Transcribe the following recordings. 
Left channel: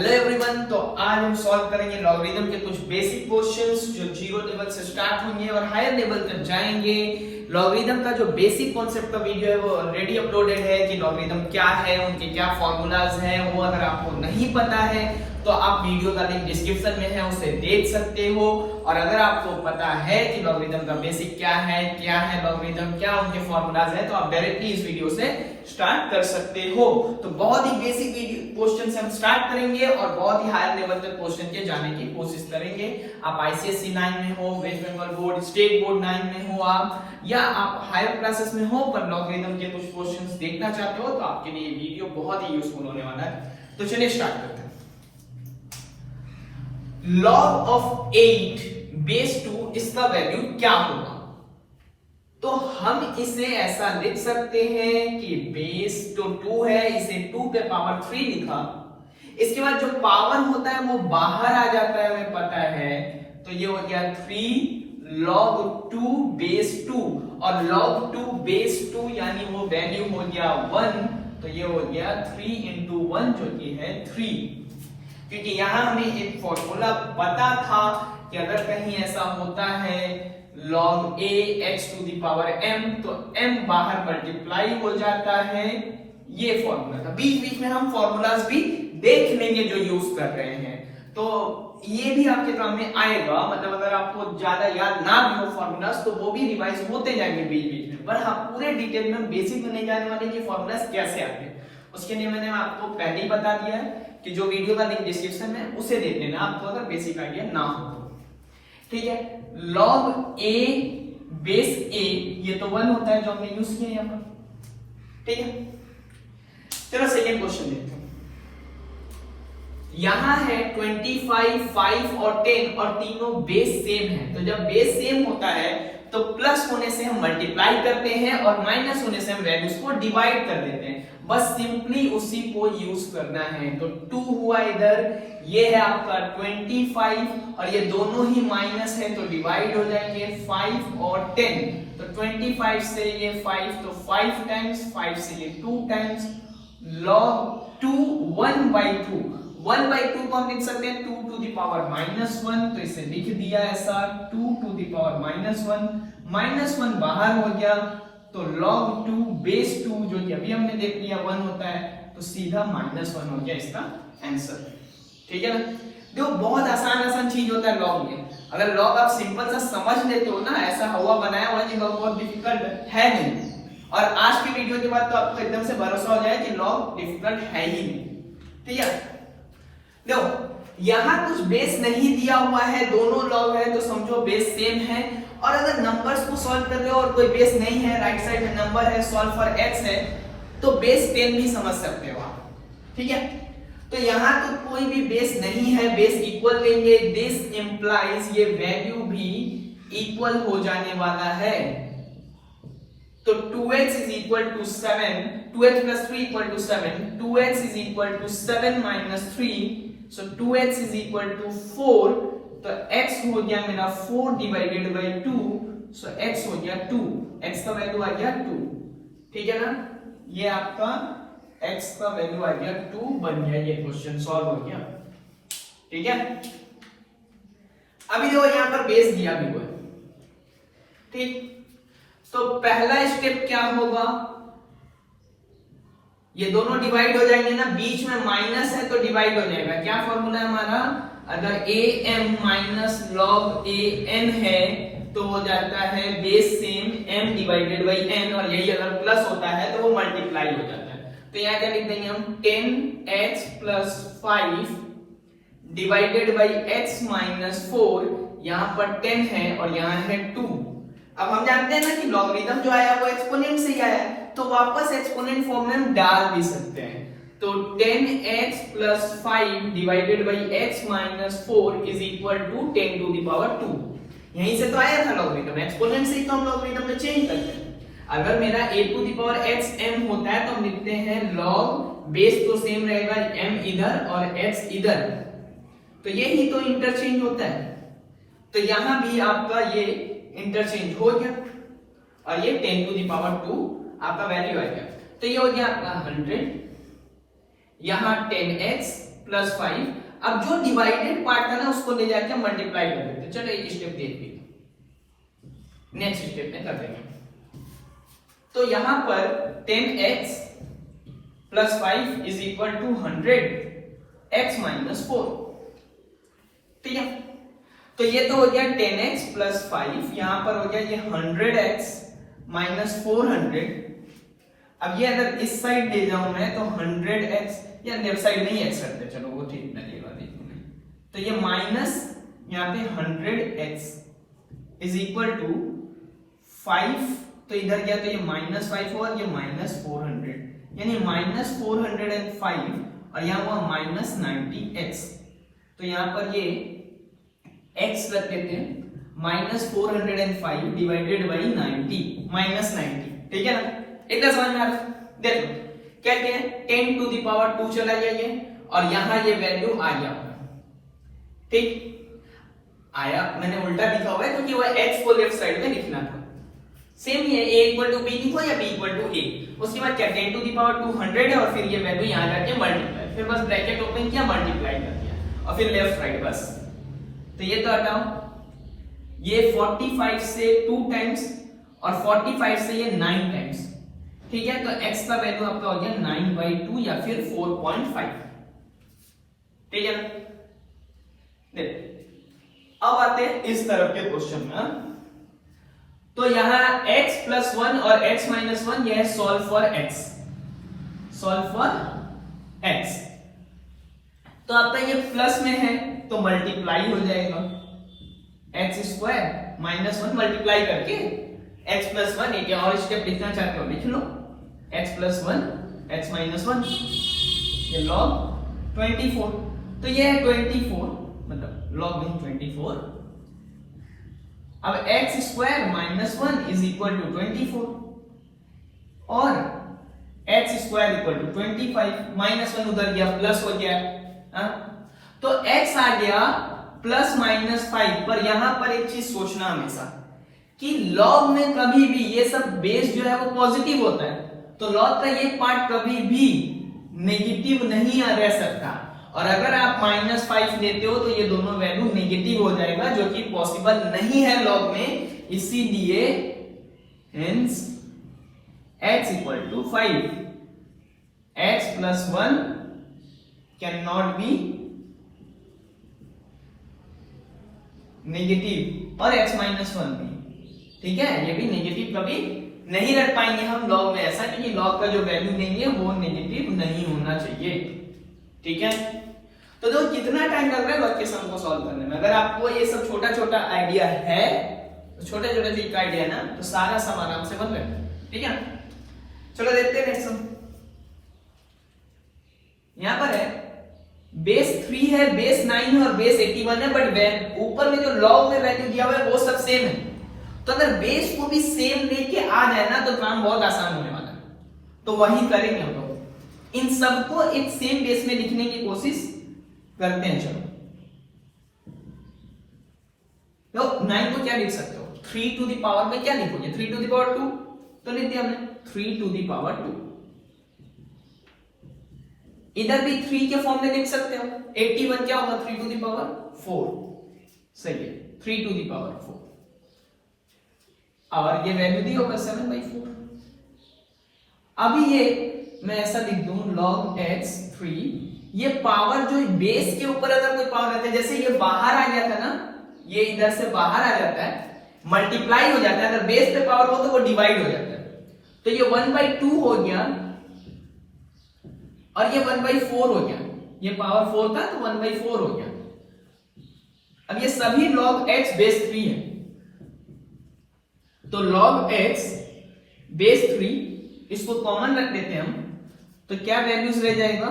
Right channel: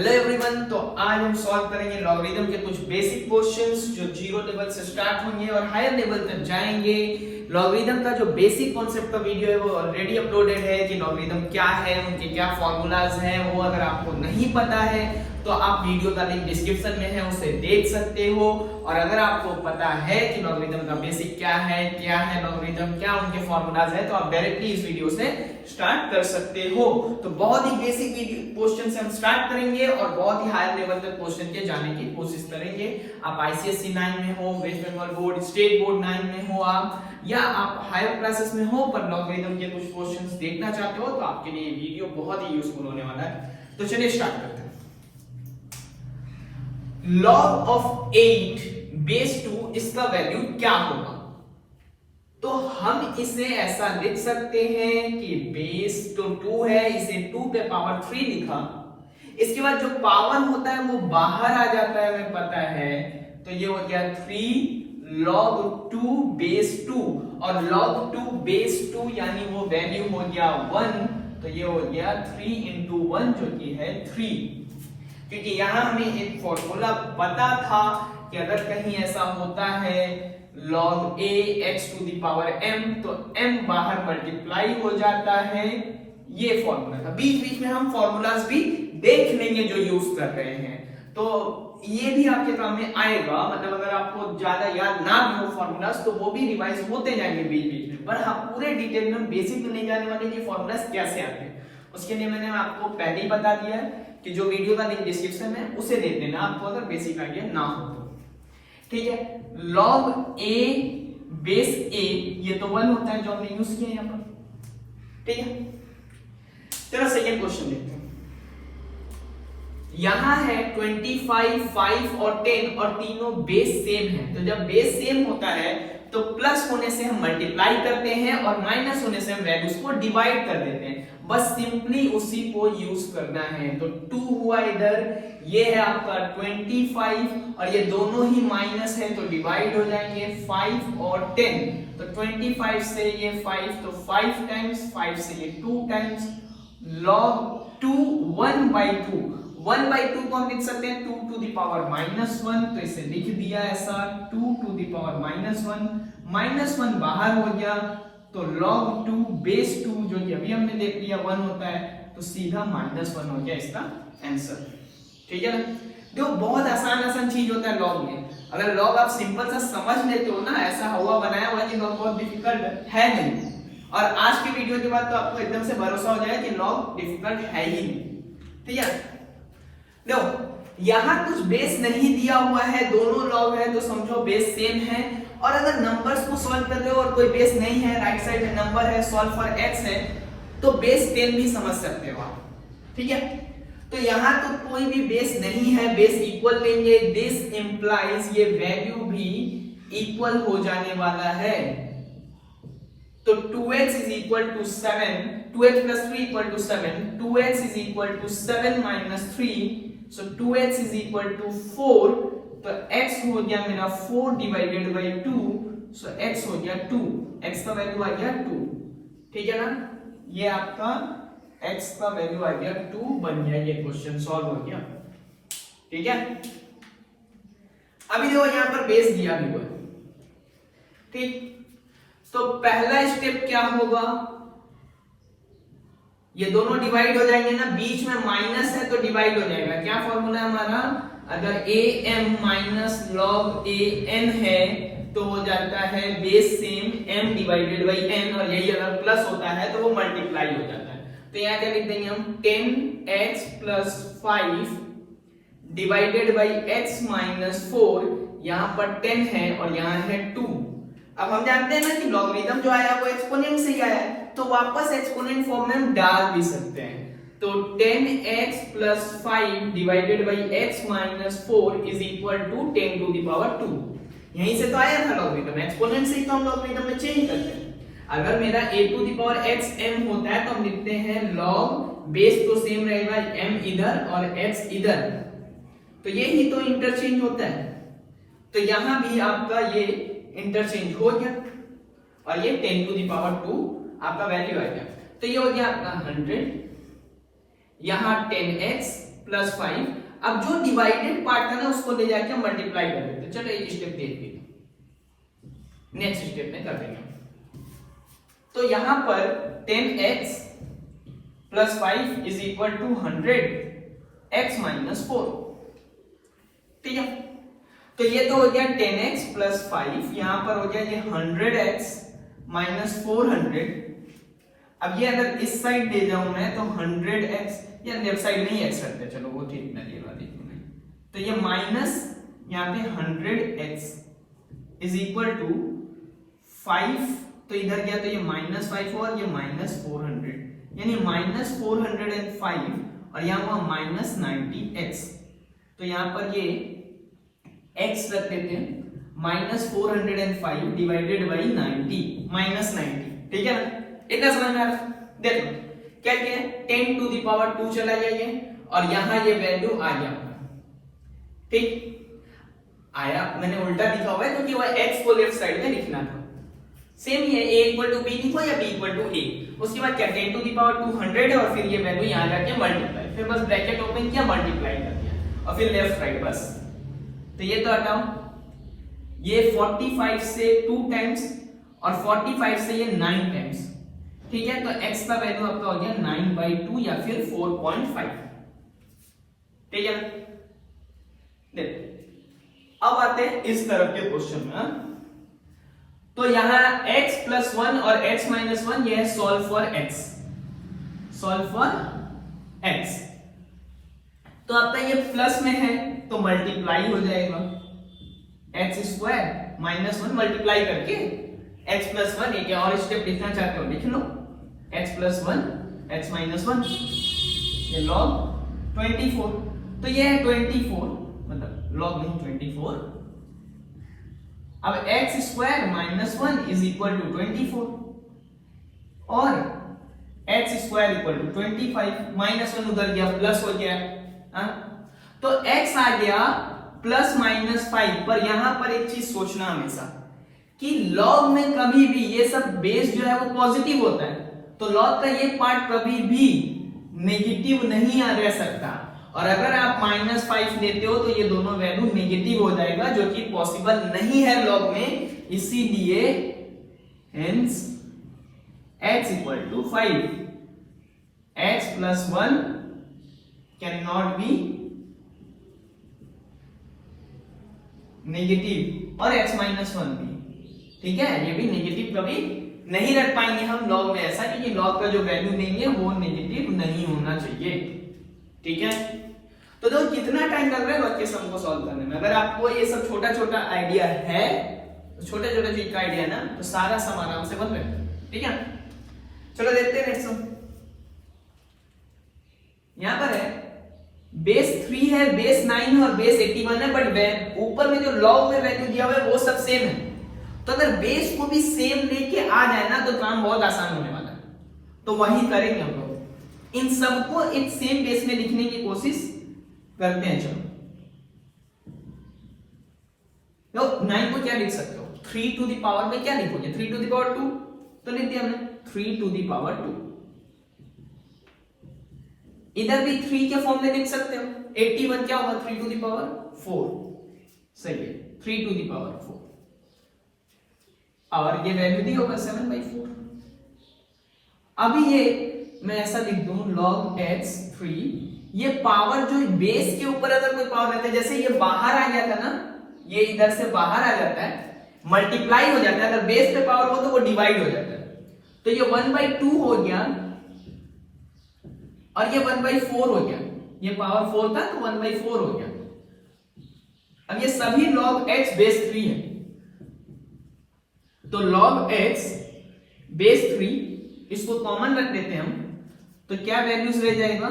Hello everyone, तो आज हम सॉल्व करेंगे लॉगरिथम के कुछ बेसिक क्वेश्चंस जो जीरो लेवल से स्टार्ट होंगे और हायर लेवल तक जाएंगे। लॉगरिथम का जो बेसिक कॉन्सेप्ट का वीडियो है वो ऑलरेडी अपलोडेड है कि लॉगरिथम क्या है, उनके क्या फॉर्मूलाज हैं। वो अगर आपको नहीं पता है तो आप वीडियो का लिंक डिस्क्रिप्शन में है, उसे देख सकते हो। और अगर आपको पता है कि लॉगरिथम का बेसिक क्या है लॉगरिथम, क्या उनके फॉर्मूलाज है, तो आप डायरेक्टली इस वीडियो से स्टार्ट कर सकते हो। तो बहुत ही बेसिक क्वेश्चन से हम स्टार्ट करेंगे और बहुत ही हायर लेवल तक क्वेश्चन के जाने की कोशिश करेंगे। आप आईसीएसई 9 में हो, West Bengal board, state board 9 में हो आप, या आप हायर क्लासेस में हो पर लॉगरिथम के कुछ क्वेश्चंस देखना चाहते हो, तो आपके लिए ये वीडियो बहुत ही यूजफुल होने वाला है। तो चलिए स्टार्ट करते हैं। log of 8 base 2 इसका वैल्यू क्या होगा? तो हम इसे ऐसा लिख सकते हैं कि बेस तो 2 है, इसे 2 पे पावर 3 लिखा। इसके बाद जो पावर होता है वो बाहर आ जाता है, हमें पता है। तो ये हो गया 3 log 2 base 2, और log 2 base 2 यानी वो वैल्यू हो गया 1। तो ये हो गया 3 into 1 जो कि है 3। क्योंकि यहां हमें एक फॉर्मूला पता था कि अगर कहीं ऐसा होता है log a x to the power m, तो m बाहर मल्टीप्लाई हो जाता है। ये फॉर्मूला था। बीच बीच में हम फॉर्मूलाज भी देख लेंगे जो यूज कर रहे हैं, तो ये भी आपके काम में आएगा। मतलब अगर आपको ज्यादा याद ना भी हो फॉर्मूलाज तो वो भी रिवाइज होते जाएंगे बीच बीच में, पर हम पूरे डिटेल में बेसिक में नहीं जाने वाले कि फॉर्मूलाज कैसे आते हैं। उसके लिए मैंने आपको पहले ही बता दिया है कि जो वीडियो का लिंक डिस्क्रिप्शन में उसे देख लेना आपको अगर बेसिक आइडिया ना हो तो। ठीक है, log a बेस a ये तो 1 होता है जो हमने यूज किया यहां पर। ठीक है, चलो सेकंड क्वेश्चन देखते हैं। यहां है 25, 5 और 10 और तीनों बेस सेम है। तो जब बेस सेम होता है तो प्लस होने से हम मल्टीप्लाई करते हैं और माइनस होने से हम वैल्यूज को डिवाइड कर देते हैं। बस सिंपली उसी को यूज करना है। तो 2 हुआ इधर, ये है आपका 25 और ये दोनों ही माइनस है तो डिवाइड हो जाएंगे 5 और 10। तो 25 से ये 5 तो 5 टाइम्स, 5 से ये 2 टाइम्स। log 2 1/2, 1/2 को हम लिख सकते हैं 2 to the power -1, तो इसे लिख दिया ऐसा 2 to the power -1 बाहर हो गया। तो log 2 बेस 2 जो कि अभी हमने देख लिया 1 होता है, तो सीधा -1 हो गया इसका आंसर। ठीक है ना, देखो बहुत आसान चीज होता है लॉग में। अगर लॉग आप सिंपल सा समझ लेते हो ना, ऐसा हुआ बनाया हुआ कि लॉग बहुत डिफिकल्ट है नहीं। और आज की वीडियो के बाद तो आपको एकदम से भरोसा हो जाए कि लॉग डिफिकल्ट है ही नहीं। ठीक है, देखो यहां कुछ बेस नहीं दिया हुआ है, दोनों लॉग है तो समझो बेस सेम है। और अगर नंबर्स को सॉल्व कर रहे हो और कोई बेस नहीं है, राइट साइड में नंबर है, सॉल्व फॉर x है, तो बेस 10 भी समझ सकते हो आप। ठीक है, तो यहां तो कोई भी बेस नहीं है, बेस इक्वल लेंगे। दिस इंप्लाइज ये वैल्यू भी इक्वल हो जाने वाला है। तो 2x is equal to 7, 2x plus 3 equal to 7, 2x is equal to 7 minus 3, so 2x is equal to 4, तो x हो गया मेरा 4 divided by 2, so x हो गया 2, x का वैल्यू आ गया 2। ठीक है ना, ये आपका x का वैल्यू आ गया 2 बन गया, ये क्वेश्चन सॉल्व हो गया। ठीक है, अभी देखो यहां पर बेस दिया भी हुआ है। ठीक, तो पहला स्टेप क्या होगा, ये दोनों डिवाइड हो जाएंगे ना, बीच में माइनस है तो डिवाइड हो जाएगा। क्या फॉर्मूला है हमारा, अगर am माइनस log an है तो हो जाता है base same m divided by n, और यही अगर प्लस होता है तो वो मल्टीप्लाई हो जाता है। तो यहां क्या लिख देंगे हम 10x plus 5 divided by x minus 4, यहां पर 10 है और यहां है 2। अब हम जानते हैं ना कि लॉगरिथम जो आया वो एक्सपोनेंट से ही आया है, तो वापस एक्सपोनेंट फॉर्म में हम डाल भी सकते हैं। तो 10x plus 5 divided by x minus 4 is equal to 10 to the power 2। यहीं से तो आया था लॉगरिथम, एक्सपोनेंट से ही तो हम लॉगरिथम में चेंज करते हैं। अगर मेरा a to the power x m होता है तो हम लिखते हैं log बेस तो सेम रहेगा, m इधर और x इधर, तो यही तो इंटरचेंज होता है। तो यहां भी आपका ये इंटरचेंज हो गया और ये 10 टू द पावर 2 आपका वैल्यू आ गया। तो ये हो गया आपका 100, यहां 10x प्लस 5। अब जो डिवाइडेड पार्ट था ना उसको ले जाके मल्टीप्लाई कर देते। चलो एक स्टेप देखते हैं, नेक्स्ट स्टेप में कर देंगे। तो यहां पर 10x plus 5 is equal to 100x minus 4। ठीक है, तो ये तो हो गया 10x प्लस 5, यहां पर हो गया ये 100x माइनस 400। अब ये अगर इस साइड ले जाऊं मैं तो 100x, या लेफ्ट साइड नहीं x रखते, चलो वो ठीक मैं दे रहा देखूं। तो ये माइनस यहां पे 100x इज इक्वल टू 5, तो इधर गया तो ये -5 और ये -400, यानी -405 और यहाँ हुआ -90x। तो यहाँ पर ये x रख देते हैं -405 डिवाइडेड बाई 90 -90। ठीक है ना, इतना समझ में आ रहा? देखो क्या क्या है, 10 टू द पावर 2 चला जाइए और यहाँ ये वैल्यू आ गया। ठीक आया, मैंने उल्टा लिखा हुआ है क्योंकि वह x को लेफ्ट साइड में लिखना था। सेम ही है, a इक्वल टू b लिखो या b इक्वल टू a। उसके बाद क्या 10 टू द पावर 200 है और फिर ये वैल्यू यहां जाके मल्टीप्लाई, फिर बस ब्रैकेट ओपन किया मल्टीप्लाई कर दिया और फिर लेफ्ट राइट बस। तो ये तो हटाओ, ये 45 से 2 टाइम्स और 45 से ये 9 टाइम्स। ठीक है, तो x का वैल्यू आपका हो गया 9/2 या फिर 4.5। ठीक है, देखो अब आते हैं इस तरफ के क्वेश्चन में। तो यहां x प्लस 1 और x माइनस 1 यह है solve for x, solve for x। तो आपका ये प्लस में है तो मल्टीप्लाई हो जाएगा, x स्क्वायर माइनस 1 मल्टीप्लाई करके x प्लस 1। एक और स्टेप लिखना चाहते हो लिख लो, x प्लस 1 x माइनस 1, ये log 24। तो ये है 24, मतलब log नहीं 24। अब x square minus 1 is equal to 24 और x square equal to 25, minus 1 उधर गया प्लस हो गया। तो x आ गया प्लस -5। पर यहां पर एक चीज सोचना हमेशा कि log में कभी भी ये सब बेस जो है वो पॉजिटिव होता है, तो log का ये पार्ट कभी भी नेगेटिव नहीं आ रह सकता। और अगर आप -5 लेते हो तो ये दोनों वैल्यू नेगेटिव हो जाएगा, जो कि पॉसिबल नहीं है log में। इसीलिए hence x equal to 5, x plus 1 can not be negative और x माइनस 1 भी। ठीक है, ये भी नेगेटिव कभी नहीं रख पाएंगे हम log में, ऐसा कि ये log का जो वैल्यू देंगे वो नेगेटिव नहीं होना चाहिए। ठीक है, तो देखो कितना टाइम लग रहा है log के सम को सॉल्व करने में। अगर आपको ये सब छोटा छोटा आइडिया है, तो छोटे छोटे चीज का आइडिया ना, तो सारा सम आराम से बन जाएगा। ठीक है, चलो देखते हैं नेक्स्ट सम। यहां पर है बेस 3 है, बेस 9 है और बेस 81 है, बट ऊपर में जो log में वैल्यू दिया हुआ है वो सब सेम है। तो अगर बेस को भी सेम लेके आ जाए ना तो काम बहुत आसान होने वाला है। तो वही करेंगे हम लोग, इन सबको एक सेम बेस में लिखने की कोशिश करते हैं। चलो तो 9 को क्या लिख सकते हो, 3 टू द पावर में क्या लिखोगे, 3 टू द पावर 2 तो लिख दिया हमने 3 टू द पावर 2। इधर भी 3 के फॉर्म में लिख सकते हो, 81 क्या होगा 3 टू द पावर 4। सही है, 3 टू द पावर 4 और ये वैल्यू दी होगा 7/4। अभी ये मैं ऐसा लिख दूं log x 3, ये पावर जो बेस के ऊपर अगर कोई पावर रहता है, जैसे ये बाहर आ गया था ना, ये इधर से बाहर आ जाता है, मल्टीप्लाई हो जाता है। अगर बेस पे पावर हो तो वो डिवाइड हो जाता है। तो ये 1/2 हो गया और ये 1/4 हो गया, ये पावर 4 था तो 1/4 हो गया। अब ये सभी log x बेस 3 है, तो log x बेस 3 इसको कॉमन रख देते हैं हम, तो क्या वैल्यूज रह जाएगा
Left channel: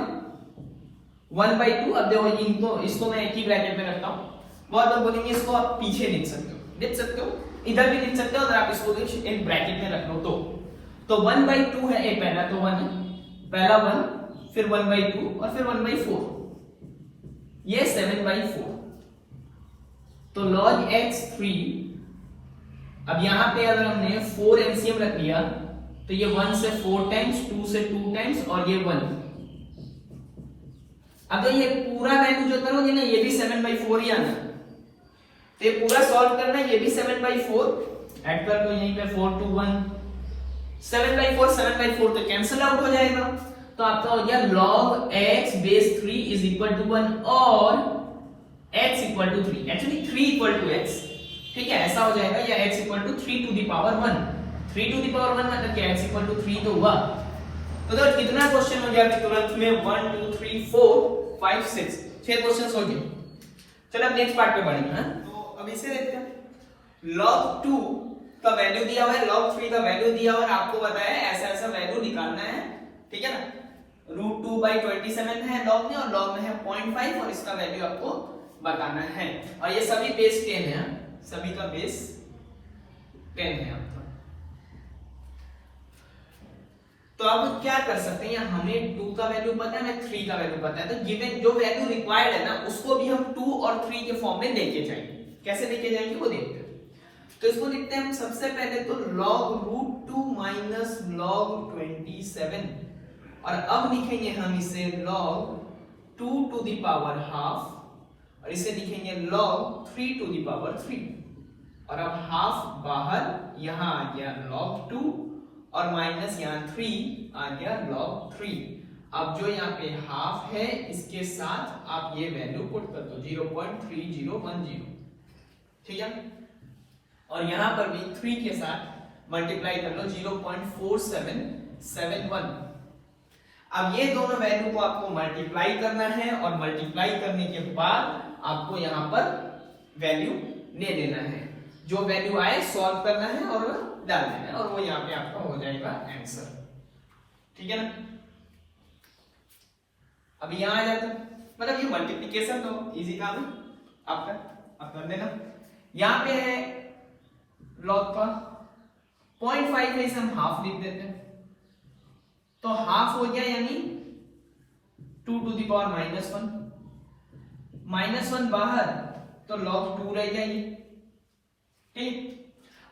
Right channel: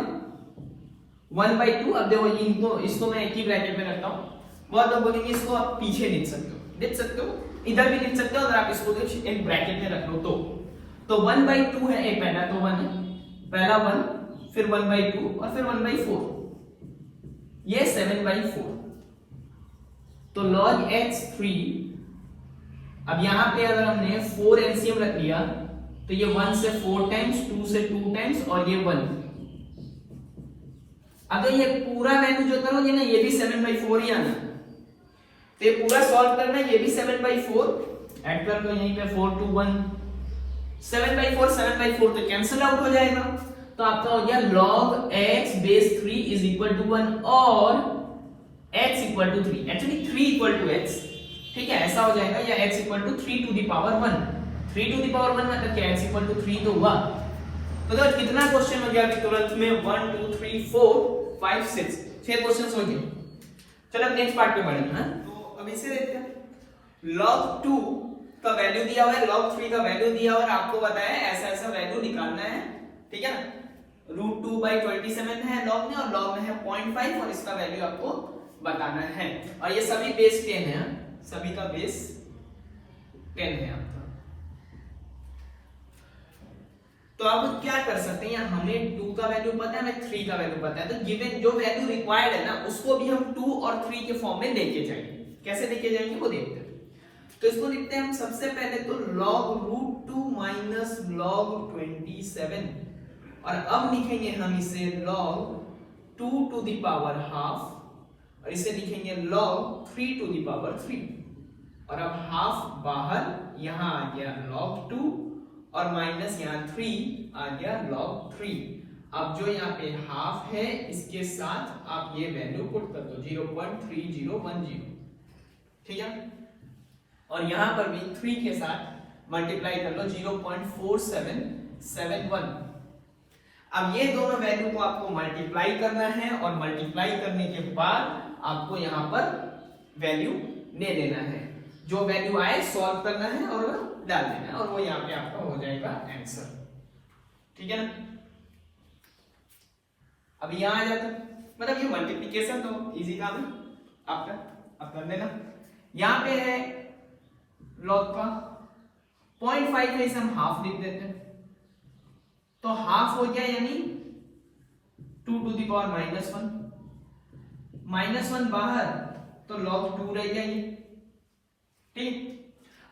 1/2। अब देखो इनको, इसको मैं एक ही ब्रैकेट में रखता हूं, बहुत लोग बोलेंगे इसको आप पीछे लिख सकते हो, इधर भी लिख सकते हो। अगर आप इसको एक ब्रैकेट में रख लो तो 1/2 है, एक पहला तो 1 है, पहला 1, फिर 1/2 और फिर 1/4, ये 7/4। तो log x 3, अब यहां पे अगर हमने 4 एलसीएम रख लिया तो ये 1 से 4 टाइम्स, 2 से 2 टाइम्स और ये 1, अब ये पूरा वैल्यू जो करोगे ना, ये भी 7/4 ही आना, तो ये पूरा सॉल्व करना है, ये भी 7/4 ऐड कर दो यहीं पे 4 2 1 7/4 तो कैंसिल आउट हो जाएगा, तो आपका हो गया log x base 3 is equal to 1 और x equal to 3, actually 3 equal to x, ठीक है ऐसा हो जाएगा, या x equal to 3 to the power 1, 3 to the power 1 मतलब क्या x equal to 3 तो हुआ। तो कितना क्वेश्चन हो गया अभी तुरंत में 1 2 3 4 5 6 6 क्वेश्चंस हो गए। चलो अब नेक्स्ट पार्ट पे बढ़ेंगे। हां तो अब इसे देखते हैं। log 2 का वैल्यू दिया हुआ है, log 3 का वैल्यू दिया हुआ है, आपको बताया है ऐसा ऐसा वैल्यू निकालना है, ठीक है ना। √2/27 है log में, और log में है 0.5 और इसका वैल्यू आपको बताना है, और ये सभी बेस 10 है, सभी का बेस 10 है आपका। तो अब क्या कर सकते हैं, हमें 2 का वैल्यू पता है, हमें 3 का वैल्यू पता है, तो गिवन जो वैल्यू रिक्वायर्ड है ना उसको भी हम 2 और 3 के फॉर्म में लेके जाएंगे। कैसे लेके जाएंगे वो देखते हैं। तो इसको लिखते हैं हम सबसे पहले तो log √2 माइनस log 27, और अब लिखेंगे हम इसे log 2 to the power half, और इसे लिखेंगे log 3 to the power 3, और अब हाफ बाहर, यहां आ गया log 2 और माइनस यहाँ 3 आ गया log 3। अब जो यहाँ पे हाफ है इसके साथ आप ये वैल्यू पुट कर दो 0.3010, ठीक है, और यहाँ पर भी 3 के साथ मल्टीप्लाई कर लो 0.4771। अब ये दोनों वैल्यू को आपको मल्टीप्लाई करना है, और मल्टीप्लाई करने के बाद आपको यहाँ पर वैल्यू ले लेना है, जो वैल्यू आए सॉल्व करना है और डाल देना है, और वो यहाँ पे आपका हो जाएगा आंसर, ठीक है ना। अब यहाँ आ जाता, मतलब ये मल्टीप्लिकेशन तो इजी काम है आपका, आप कर देना। यहाँ पे है log का 0.5 है, इसे हम हाफ लिख देते हैं, तो हाफ हो गया यानी 2 to the power -1 बाहर, तो log 2 रह गया ये, ठीक।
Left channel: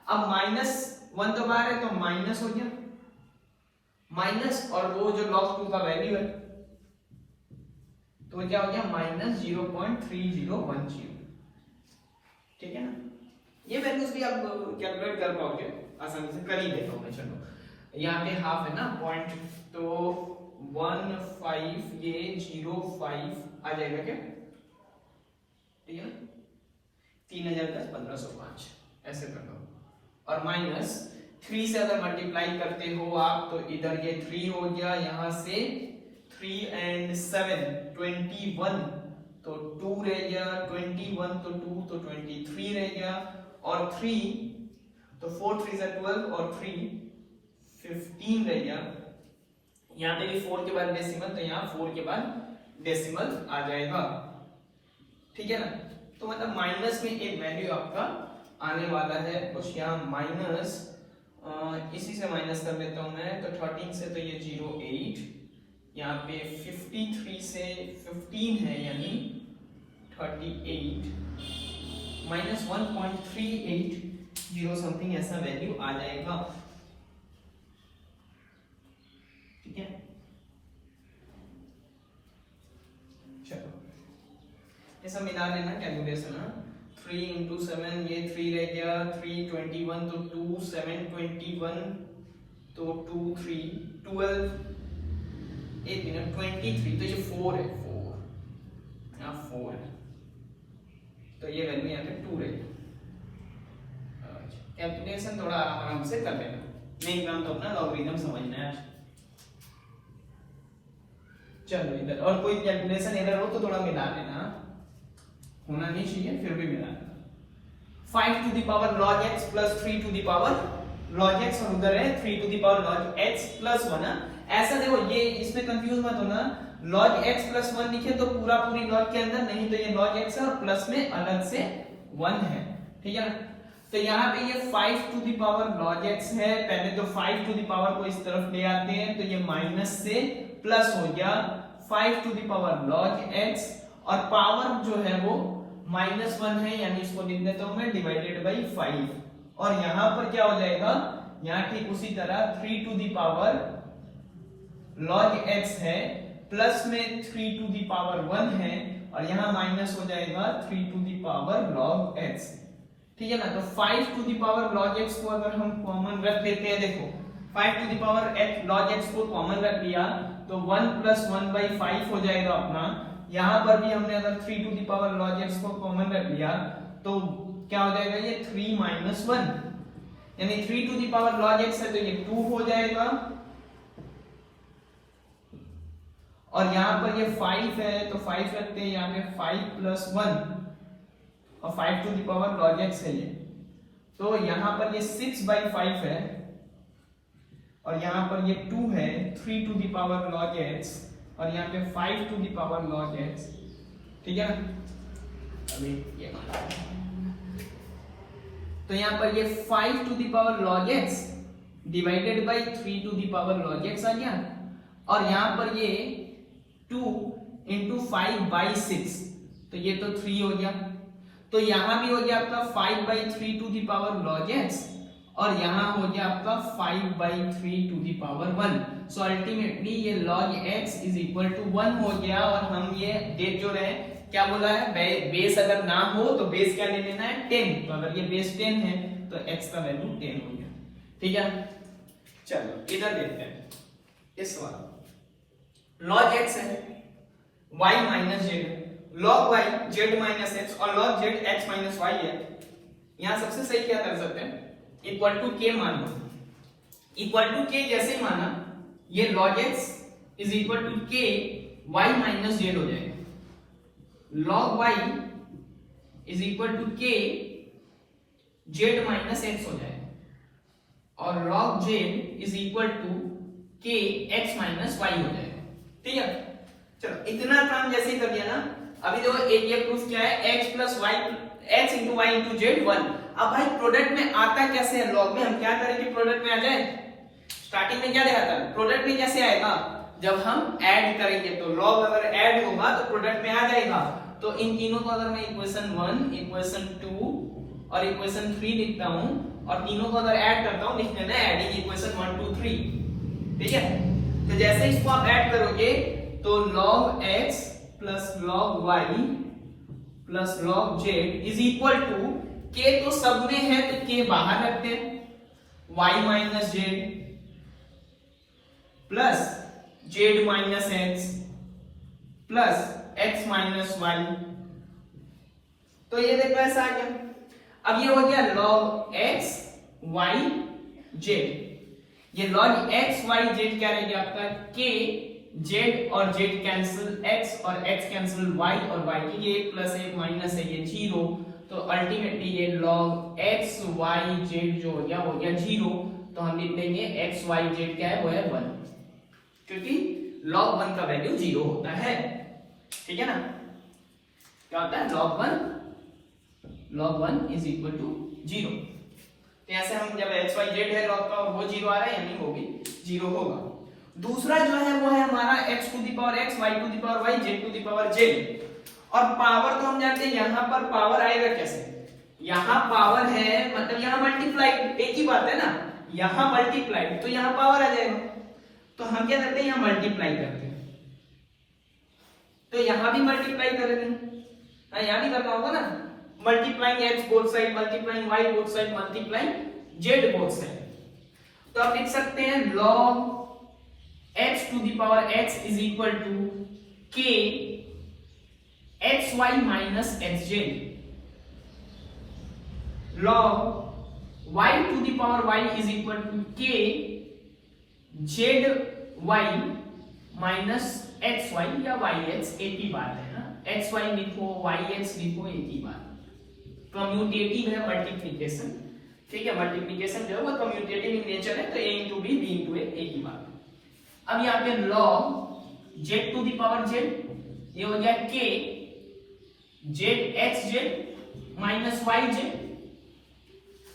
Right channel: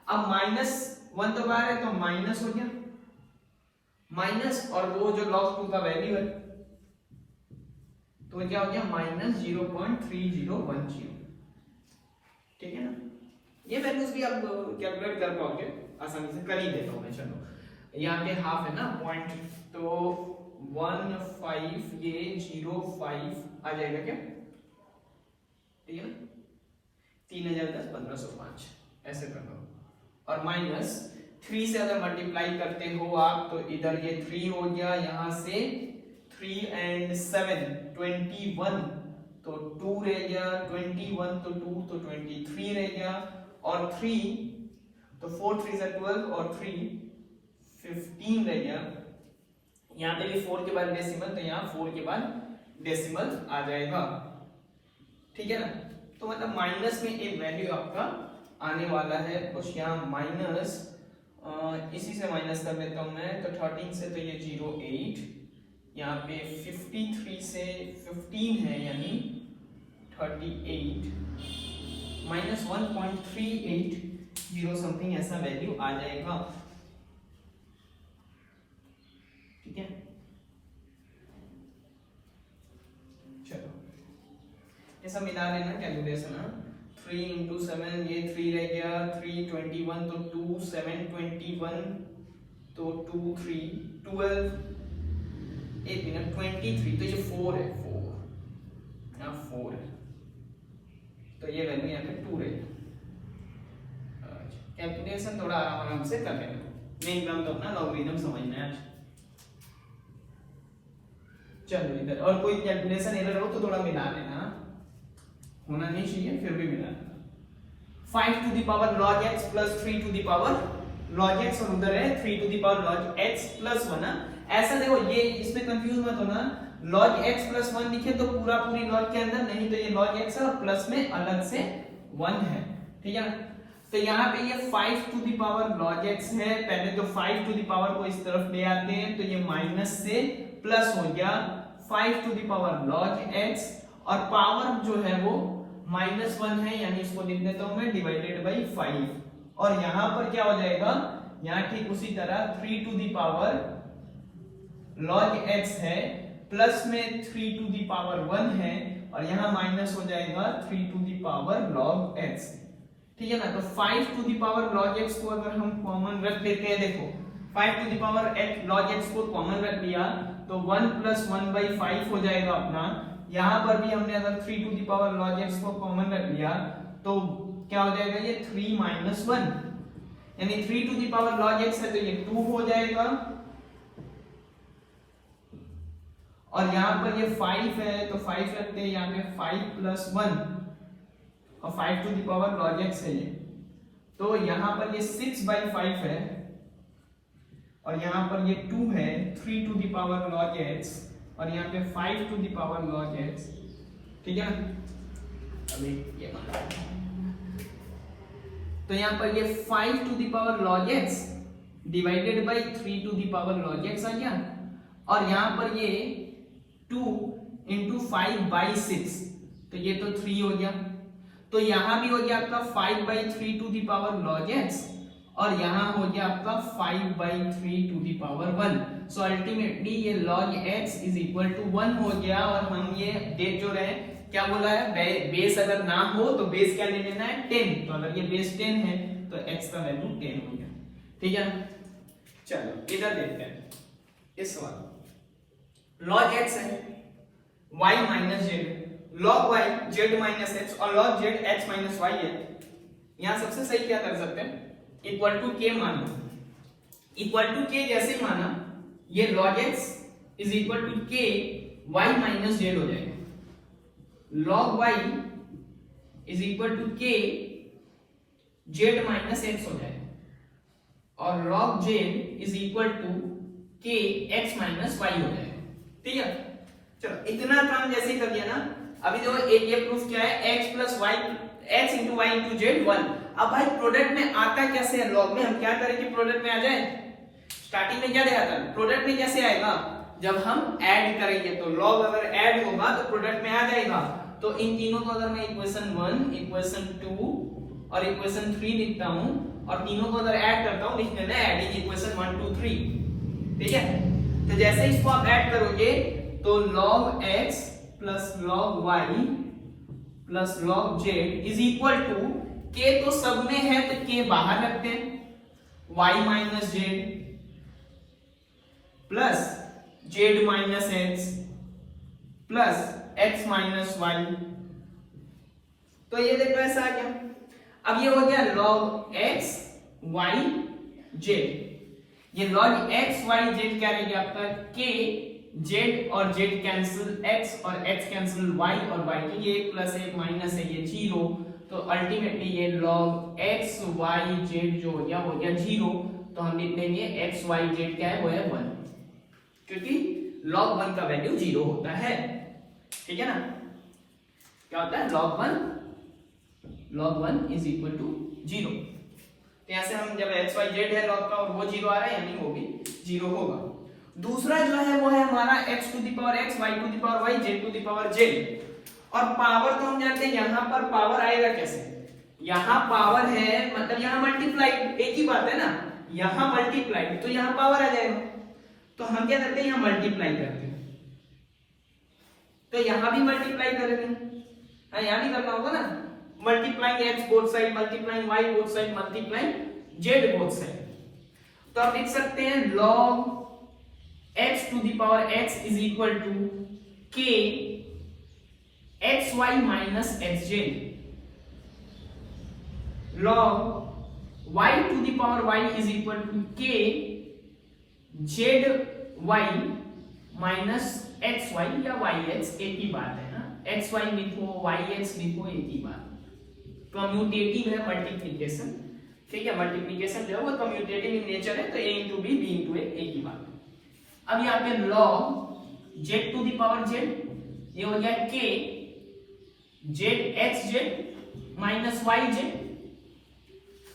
अब -1 तो बाहर है तो माइनस हो गया, माइनस और वो जो log 2 का वैल्यू है तो क्या हो गया -0.3010, ठीक है ना। ये वैल्यूज भी आप कैलकुलेट कर पाओगे आसानी से, कर ही देता हूं मैं। चलो यहाँ पे हाफ है ना पॉइंट, तो 15 ये 05 आ जाएगा क्या, ठीक है ना, 3010 1505 ऐसे कर दो, और माइनस 3 से अगर मल्टीप्लाई करते हो आप तो इधर ये 3 हो गया, यहाँ से 3 and 7 21, तो 2 रह गया, 21 तो 2 तो 23 रह गया, और 3 तो 4 3 12 और 3 15 रह गया। यहाँ पे भी 4 के बाद डेसिमल, तो यहाँ 4 के बाद डेसिमल आ जाएगा, ठीक है ना। तो मतलब माइनस में एक वैल्यू आपका आने वाला है, कुछ यहाँ माइनस इसी से माइनस कर लेता हूं मैं, तो 13 से तो ये 08, यहाँ पे 53 से 15 है यानी 38 माइनस 1.380 समथिंग ऐसा वैल्यू आ जाएगा, ठीक है। चलो ये सब मिला लेना कैलकुलेशन है। 3 into 7 ये 3 रह गया, 3 21 तो 2 7 21 तो 2 3 12 एक मिनट 23, तो ये 4 है, 4 यहाँ 4 है, तो ये वैल्यू यहाँ पे 2 रहेगी। कैलकुलेशन थोड़ा आराम से कर लेना, मेन काम तो अपना लॉगरिथम समझना है। चलो इधर और कोई कैलकुलेशन एरर हो तो थोड़ा मिला लेना, होना नहीं चाहिए फिर भी मिला लेना। 5 to the power log x plus 3 to the power log x, और उधर है 3 to the power log x plus 1 ना। ऐसा देखो ये इसमें कंफ्यूज मत होना, log x plus 1 लिखे तो पूरा पूरी log के अंदर, नहीं तो ये log x है और प्लस में अलग से 1 है, ठीक है ना। तो यहाँ पे ये 5 to the power log x है, पहले तो 5 to the power को इस तरफ ले आते हैं, तो ये माइनस से प्लस हो गया 5 to the power log x, और पावर जो है वो -1 है, यानी इसको लिख देता हूं मैं डिवाइडेड बाई 5, और यहाँ पर क्या हो जाएगा, यहाँ ठीक उसी तरह 3 to the power log x है, प्लस में 3 टू द पावर 1 है और यहाँ माइनस हो जाएगा 3 to the power log x। ठीक है ना, तो 5 to the power log x को अगर हम कॉमन रख देते हैं, देखो 5 to the power log x को कॉमन रख लिया तो 1 प्लस 1 बाई 5 हो जाएगा अपना। यहाँ पर भी हमने अगर 3 to the power log x को कॉमन रख लिया तो क्या हो जाएगा, ये 3 माइनस 1, यानी 3 to the power log x है तो ये 2 हो जाएगा, और यहाँ पर ये 5 है तो 5 रखते हैं यहाँ पे 5 प्लस 1 और 5 to the power log x है ये, तो यहाँ पर ये 6 बाई 5 है और यहाँ पर ये 2 है 3 to the power log x और यहाँ पे 5 to the power log x। ठीक है ना, अभी ये तो यहाँ पर ये 5 to the power log x divided by 3 to the power log x आ गया, और यहाँ पर ये 2 इंटू 5 बाई 6 तो ये तो 3 हो गया, तो यहाँ भी हो गया आपका 5 by 3 to the power log x और यहाँ हो गया आपका 5 by 3 to the power 1। So ultimately ये log x is equal to 1 हो गया, और हम ये देख जो रहे क्या बोला है, बेस अगर ना हो तो बेस क्या ले लेना है 10, तो अगर ये बेस 10 है तो x का वैल्यू 10 हो गया। ठीक है, चलो इधर देखते हैं इस बार log x है y minus Z, log y z minus x और log z x minus y है। यहाँ सबसे सही क्या कर सकते हैं, इक्वल टू k मान लो, इक्वल टू k जैसे ही माना ये log x is equal to k y minus z हो जाएगा, log y is equal to k z minus x हो जाएगा, और log z is equal to k x minus y हो जाएगा। ठीक है, चलो इतना काम जैसे ही कर दिया ना, अभी देखो एक ये प्रूफ क्या है, x plus y x into y into z 1। अब भाई प्रोडक्ट में आता कैसे है, लॉग में हम क्या करें कि प्रोडक्ट में आ जाए, स्टार्टिंग में क्या दिखाता है, प्रोडक्ट में कैसे आएगा, जब हम ऐड करेंगे तो लॉग अगर ऐड होगा तो प्रोडक्ट में आ जाएगा। तो इन तीनों को अगर मैं इक्वेशन 1 इक्वेशन 2 और इक्वेशन 3 लिखता हूं और तीनों को अगर ऐड करता हूं, लिख देना ऐडिंग इक्वेशन 1 2 3। ठीक है, तो जैसे इसको आप ऐड करोगे तो log x plus log y plus log z is equal to k तो सब में है तो k बाहर रखते हैं, y minus z plus z minus x plus x minus y। तो ये देखो ऐसा आ गया। अब ये हो गया log x y z, ये log x y z क्या रहेगा आपका, k z और z कैंसिल x और x कैंसिल y और y की ये 1 प्लस 1 माइनस है ये 0, तो अल्टीमेटली ये log x y z जो हो गया 0, तो हम लिख देंगे x y z क्या है, वो है 1, क्योंकि log 1 का वैल्यू 0 होता है। ठीक है ना, क्या होता है log 1 इज इक्वल टू 0। तो ऐसे हम जब x y z है log का वो 0 आ रहा है, यानी वो भी 0 होगा। दूसरा जो है वो है हमारा x to the power x y to the power y z to the power z, और पावर तो हम जानते हैं यहाँ पर पावर आएगा कैसे, यहाँ पावर है मतलब यहाँ मल्टीप्लाई, एक ही बात है ना, यहाँ मल्टीप्लाई तो यहाँ पावर आ जाएगा, तो हम क्या करते हैं यहाँ मल्टीप्लाई करते हैं, तो यहाँ भी मल्टीप्लाई करेंगे, यहाँ भी करना होगा ना, multiplying x both side, multiplying y both side, multiplying z both side. तो आप लिख सकते हैं log x to the power x is equal to k xy minus xj, log y to the power y is equal to k zy minus xy या yx, एक ही बात है ना, xy लिखो yx लिखो एक ही बात, कम्यूटेटिव है मल्टीप्लिकेशन। ठीक है, मल्टीप्लिकेशन जो है वो कम्यूटेटिव इन नेचर है, तो a into b b into a एक ही बात। अब यहाँ पे log z to the power z, ये हो गया k z x z minus y z।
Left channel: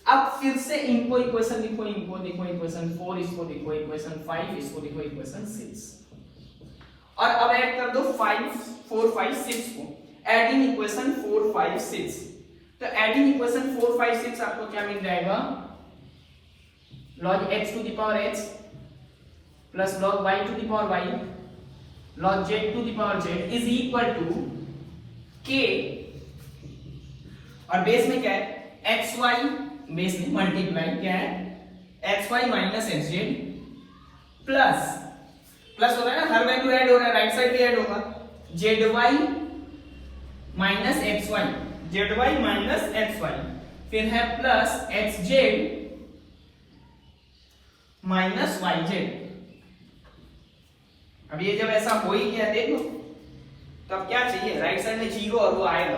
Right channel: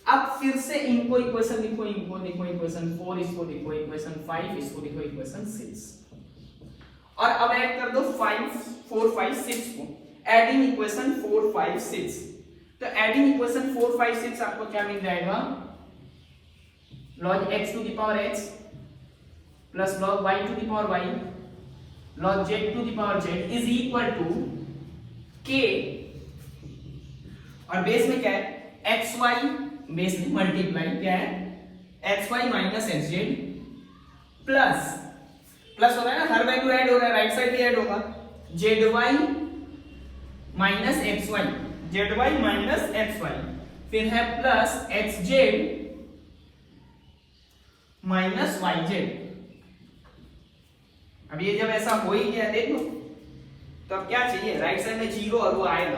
अब फिर से इनको इक्वेशन लिखो, इनको लिखो इक्वेशन 4, इसको लिखो इक्वेशन 5, इसको लिखो इक्वेशन 6, और अब ऐड कर दो 5 4 5 6 को, एडिंग इक्वेशन 4 5 6। तो एडिंग इक्वेशन 4 5 6 आपको क्या मिल जाएगा, log x to the power x plus log y to the power y log z to the power z is equal to k, और बेस में क्या है xy, बेस में मल्टीप्लाई क्या है xy minus xz plus plus हो रहा है ना, हर वैल्यू ऐड हो रहा है, राइट साइड भी ऐड होगा, zy minus xy, zy minus xy, फिर है प्लस xz माइनस yz। अब ये जब ऐसा हो ही गया देखो, तो अब क्या चाहिए, राइट साइड में जीरो और वो आएगा,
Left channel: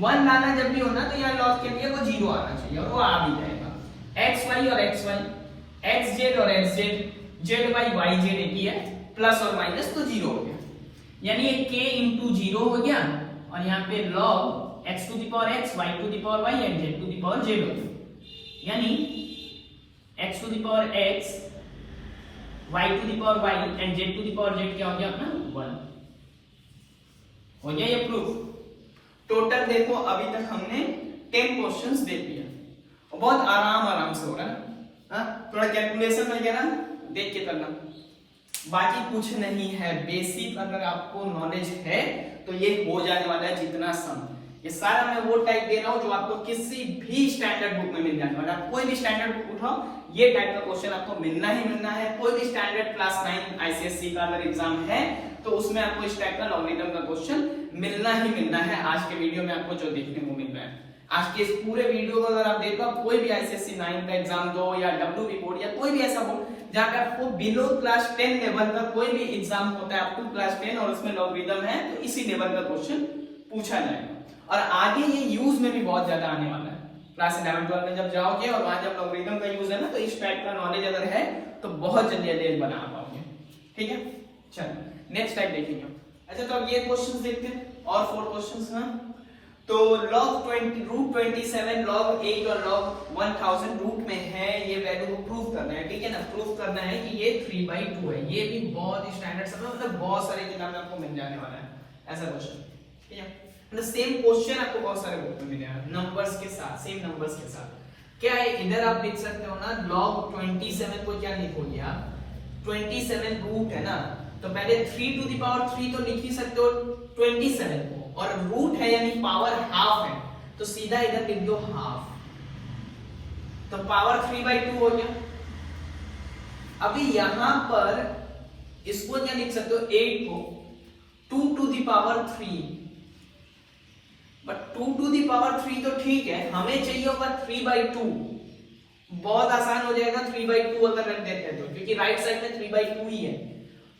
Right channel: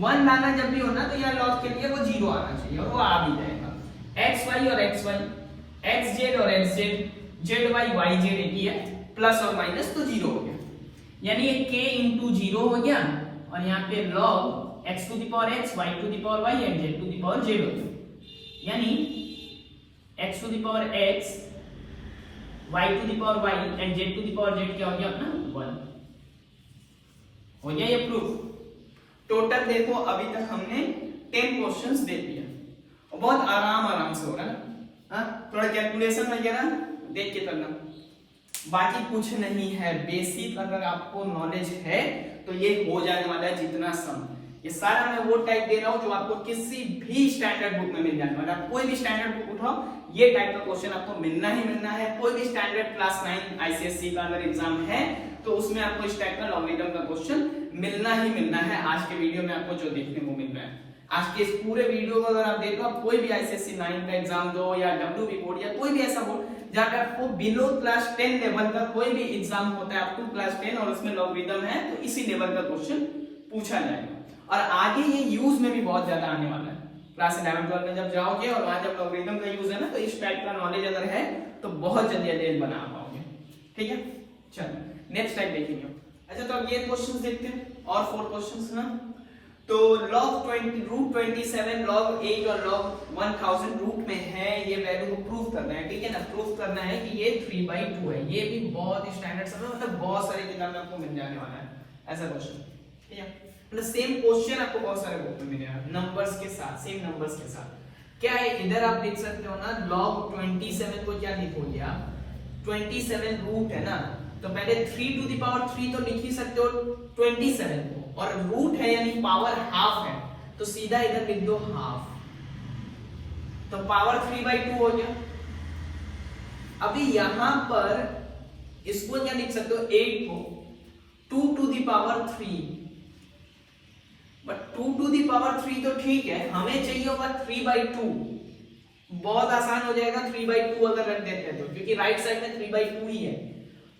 वन लाना जब भी होना तो यहाँ लॉग के लिए वो जीरो आना चाहिए और वो आ भी जाएगा। xy और xy, xz और xz, zy yz एक ही है, प्लस और माइनस तो जीरो हो गया, यानी ये k इंटू जीरो हो गया, और यहाँ पे log x to the power x, y to the power y and z to the power z हो गया, यानी x to the power x, y to the power y and z to the power z क्या हो गया अपना 1 हो गया ये प्रूफ। टोटल देखो अभी तक हमने 10 क्वेश्चंस देख लिया और बहुत आराम से हो रहा है, हाँ थोड़ा कैलकुलेशन वगैरह देख के करना, बाकी कुछ नहीं है, बेसिक अगर आपको नॉलेज है तो ये हो जाने वाला है जितना सम। ये सारा मैं वो टाइप दे रहा हूं जो आपको किसी भी स्टैंडर्ड बुक में मिल जाने वाला है, कोई भी स्टैंडर्ड बुक उठाओ ये टाइप का क्वेश्चन आपको मिलना ही मिलना है। कोई भी स्टैंडर्ड क्लास 9 आईसीएसई का अगर एग्जाम है तो उसमें आपको इस टाइप का लॉगरिथम का क्वेश्चन मिलना ही मिलना है। आज के वीडियो में आपको जो देखने को मिल रहा है, आज के इस पूरे वीडियो को अगर आप देखो, कोई भी आईसीएसई 9 का एग्जाम दो या डब्ल्यूबी बोर्ड या कोई भी ऐसा बोर्ड जहां पे आपको बिलो क्लास 10 लेवल का कोई भी एग्जाम होता है, अप टू क्लास 10 और उसमें लॉगरिथम है, तो इसी लेवल का क्वेश्चन पूछा जाएगा। और आगे ये यूज में भी बहुत ज्यादा आने वाला है, क्लास 11 12 में जब जाओगे और वहां जब लॉगरिथम का यूज है ना, तो इस टाइप का नॉलेज अगर है तो बहुत जल्दी जल्दी बना पाओगे। ठीक है, चलो नेक्स्ट टाइप देखेंगे। अच्छा तो अब ये क्वेश्चंस देखते हैं और 4 क्वेश्चंस हैं। तो log 20 रूट 27 log 8 और log 1000 रूट में है, ये वैल्यू को प्रूव करना है। ठीक है ना, प्रूव करना है कि ये 3/2 है। ये भी बहुत स्टैंडर्ड सब मतलब बहुत सारे किताब में आपको मिल जाने वाला है ऐसा क्वेश्चन। ठीक है, मतलब सेम क्वेश्चन आपको बहुत सारे बुक में मिलेगा नंबर्स के साथ, सेम नंबर्स के साथ। क्या है इधर आप देख सकते हो ना, log 27 को क्या लिखोगे आप, 27 रूट है ना, तो पहले 3 टू द पावर 3 तो लिख ही सकते हो 27 को, और रूट है यानी पावर हाफ है तो सीधा इधर लिख दो हाफ, तो पावर 3/2 हो गया। अभी यहां पर इसको क्या लिख सकते हो, 8 को 2 to the power 3, but 2 to the power 3 तो ठीक है, हमें चाहिए होगा 3/2। बहुत आसान हो जाएगा 3/2 अगर रख देते हैं तो, क्योंकि राइट साइड में 3/2 ही है।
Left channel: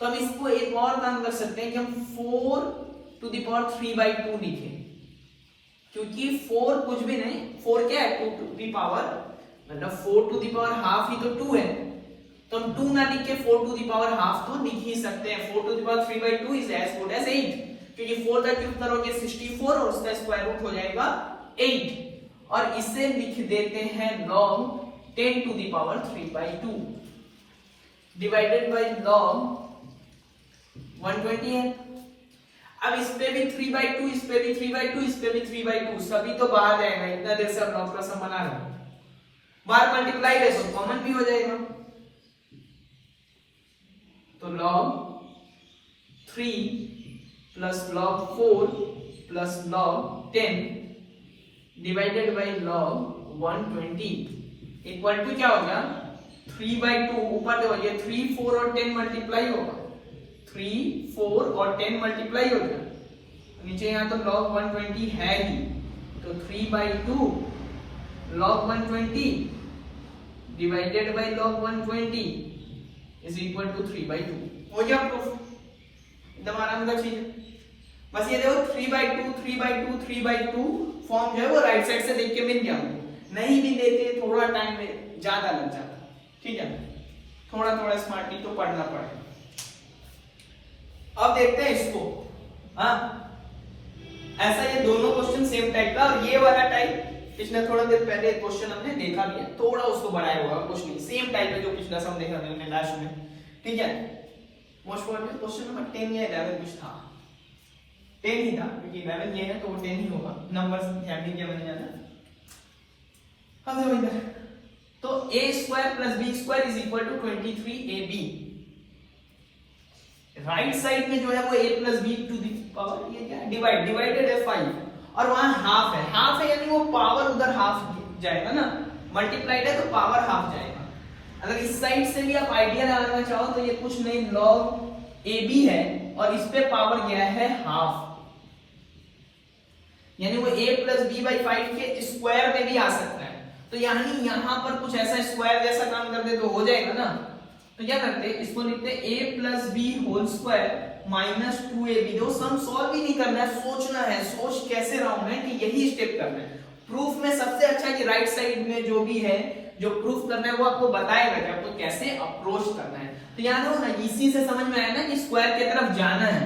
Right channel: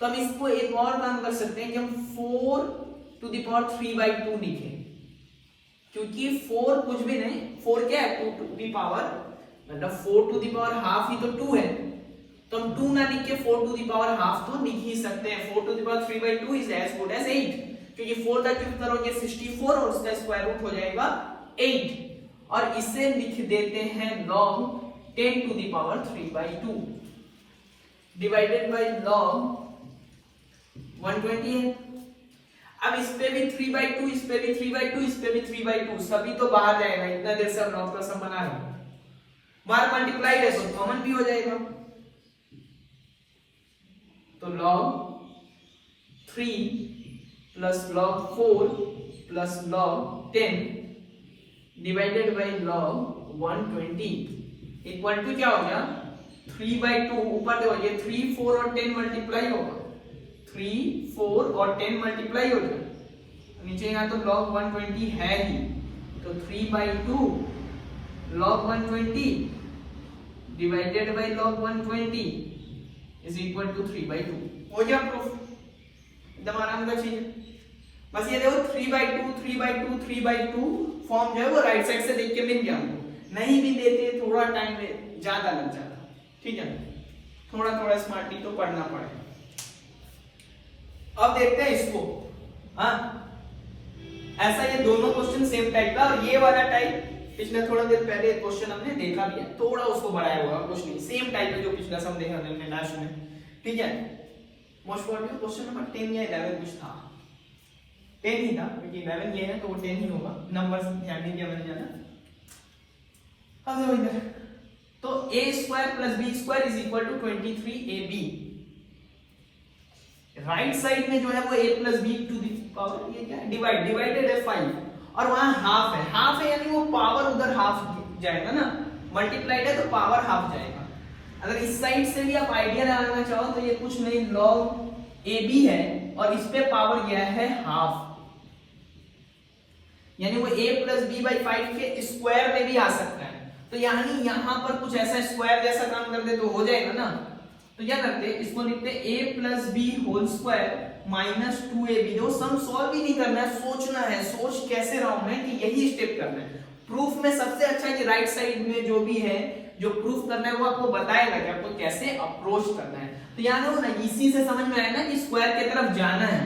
तो हम इसको एक और काम कर सकते हैं कि हम 4 टू द पावर 3/2 लिखें, क्योंकि 4 कुछ भी नहीं, 4 क्या है 2 टू द पावर, मतलब 4 टू द पावर हाफ ही तो 2 है, तो हम 2 ना लिख के 4 टू द पावर हाफ तो लिख ही सकते हैं। 4 to the power 3/2 is as good as 8, क्योंकि 4 का क्यूब करोगे 64 और उसका स्क्वायर रूट हो जाएगा 8, और इसे लिख देते हैं log 10 to the power 3/2 divided by log 120 है। अब इस पे भी 3/2, इस पे भी 3/2, इस पे भी 3/2, सभी तो बाहर जाएगा, इतना देर से हम नॉट का सम बना रहे हैं, बाहर मल्टीप्लाई है तो कॉमन भी हो जाएगा, तो log 3 plus log 4 plus log 10 divided by log 120 equal to क्या हो गया 3/2, ऊपर देखो ये 3 4 और 10 मल्टीप्लाई होगा, 3 4 और 10 मल्टीप्लाई हो गया, नीचे यहाँ तो log 120 है ही, तो 3/2 log 120 divided by log 120 is equal to 3/2। हो गया प्रूफ, एकदम आराम का चीज है। बस ये देखो 3/2 3/2 3/2 फॉर्म जो है वो राइट साइड से देख के मिल गया, नहीं भी देते थोड़ा टाइम में ज्यादा लग जाता। ठीक है, थोड़ा थोड़ा स्मार्टली तो पढ़ना पड़ेगा। अब देखते हैं इसको, हाँ ऐसा ये दोनों क्वेश्चन सेम टाइप का, और ये वाला टाइप पिछले थोड़ा देर पहले क्वेश्चन हमने देखा भी है, थोड़ा उसको बढ़ाया हुआ कुछ नहीं, सेम टाइप है जो पिछला सम देखा हमने लास्ट में। ठीक है, मोस्ट प्रोबेबली क्वेश्चन नंबर 10 या 11 कुछ था, 10 ही था क्योंकि 11 ये है तो वो 10 ही होगा, नंबर्स ध्यान नहीं दिया मैंने ज्यादा। अब देखो तो a² + b² = 23ab, right side में जो है वो a plus b to the power, ये क्या है, डिवाइडेड है 5, और वहां हाफ है यानी वो पावर उधर हाफ जाएगा ना, मल्टीप्लाइड है तो पावर हाफ जाएगा। अगर इस साइड से भी आप आइडिया लगाना चाहो तो ये कुछ नहीं, log ab है और इस पे पावर गया है हाफ, यानी वो a प्लस बी बाई 5 के स्क्वायर में भी आ सकता है। तो यानी यहां पर कुछ ऐसा स्क्वायर जैसा काम कर दे तो हो जाएगा ना। तो क्या करते हैं, इसको लिखते हैं a plus b whole square minus 2ab। जो सम सॉल्व भी नहीं करना है, सोचना है, सोच कैसे रहा हूं मैं कि यही स्टेप करना है। प्रूफ में सबसे अच्छा कि राइट साइड में जो भी है, जो प्रूफ करना है वो आपको बताएगा कि आपको कैसे अप्रोच करना है। तो यार इसी से समझ में आया ना कि स्क्वायर की तरफ जाना है।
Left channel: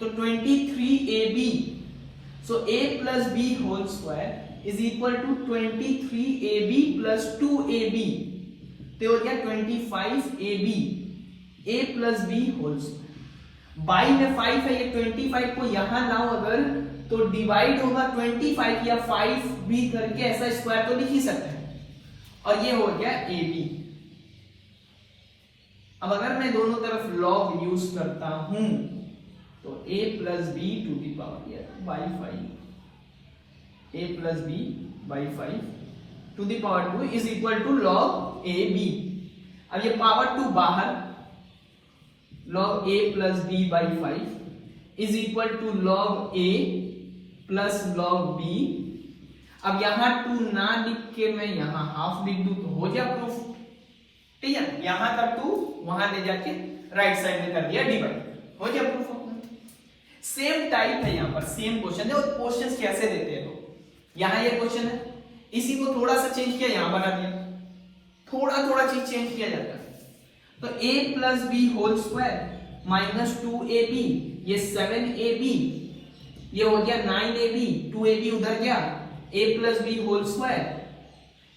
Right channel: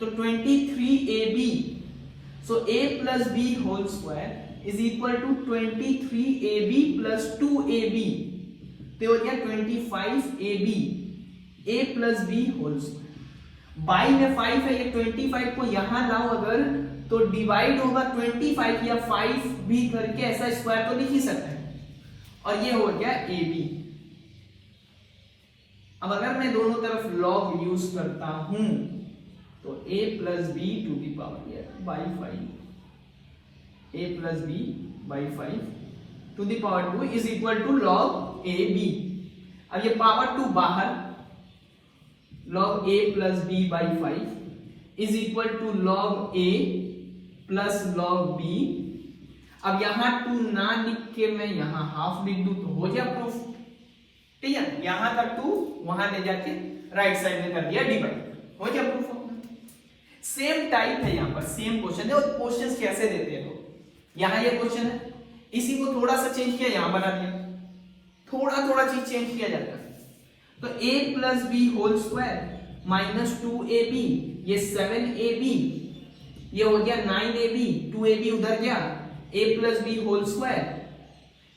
तो 23ab, so a plus b whole square is equal to 23ab plus 2ab, तो हो गया 25ab a plus b whole square. By में 5 है, ये 25 को यहां लाओ अगर तो डिवाइड होगा 25 या 5 भी करके, ऐसा स्क्वायर तो लिख ही सकते हैं, और ये हो गया ab। अब अगर मैं दोनों तरफ लॉग यूज करता हूं तो a plus b to the power by 5, a plus b by 5 to the power 2 is equal to log a b. अब ये पावर 2 बाहर, log a plus b by 5 is equal to log a plus log b। अब यहां 2 ना लिख के मैं यहां हाफ लिख दूं तो हो गया प्रूफ, ठीक है। यहां तक 2 वहां ले जाके राइट साइड में कर दिया डिवाइड, हो गया प्रूफ अपना। सेम टाइप है यहां पर, सेम क्वेश्चन है। और क्वेश्चंस कैसे देते हैं, यहां ये क्वेश्चन है, इसी को थोड़ा सा चेंज किया, यहां बना दिया, थोड़ा चीज चेंज किया जाता है। तो a plus b whole square minus 2ab, ये 7ab, ये हो गया 9ab, 2ab उधर गया, a plus b whole square,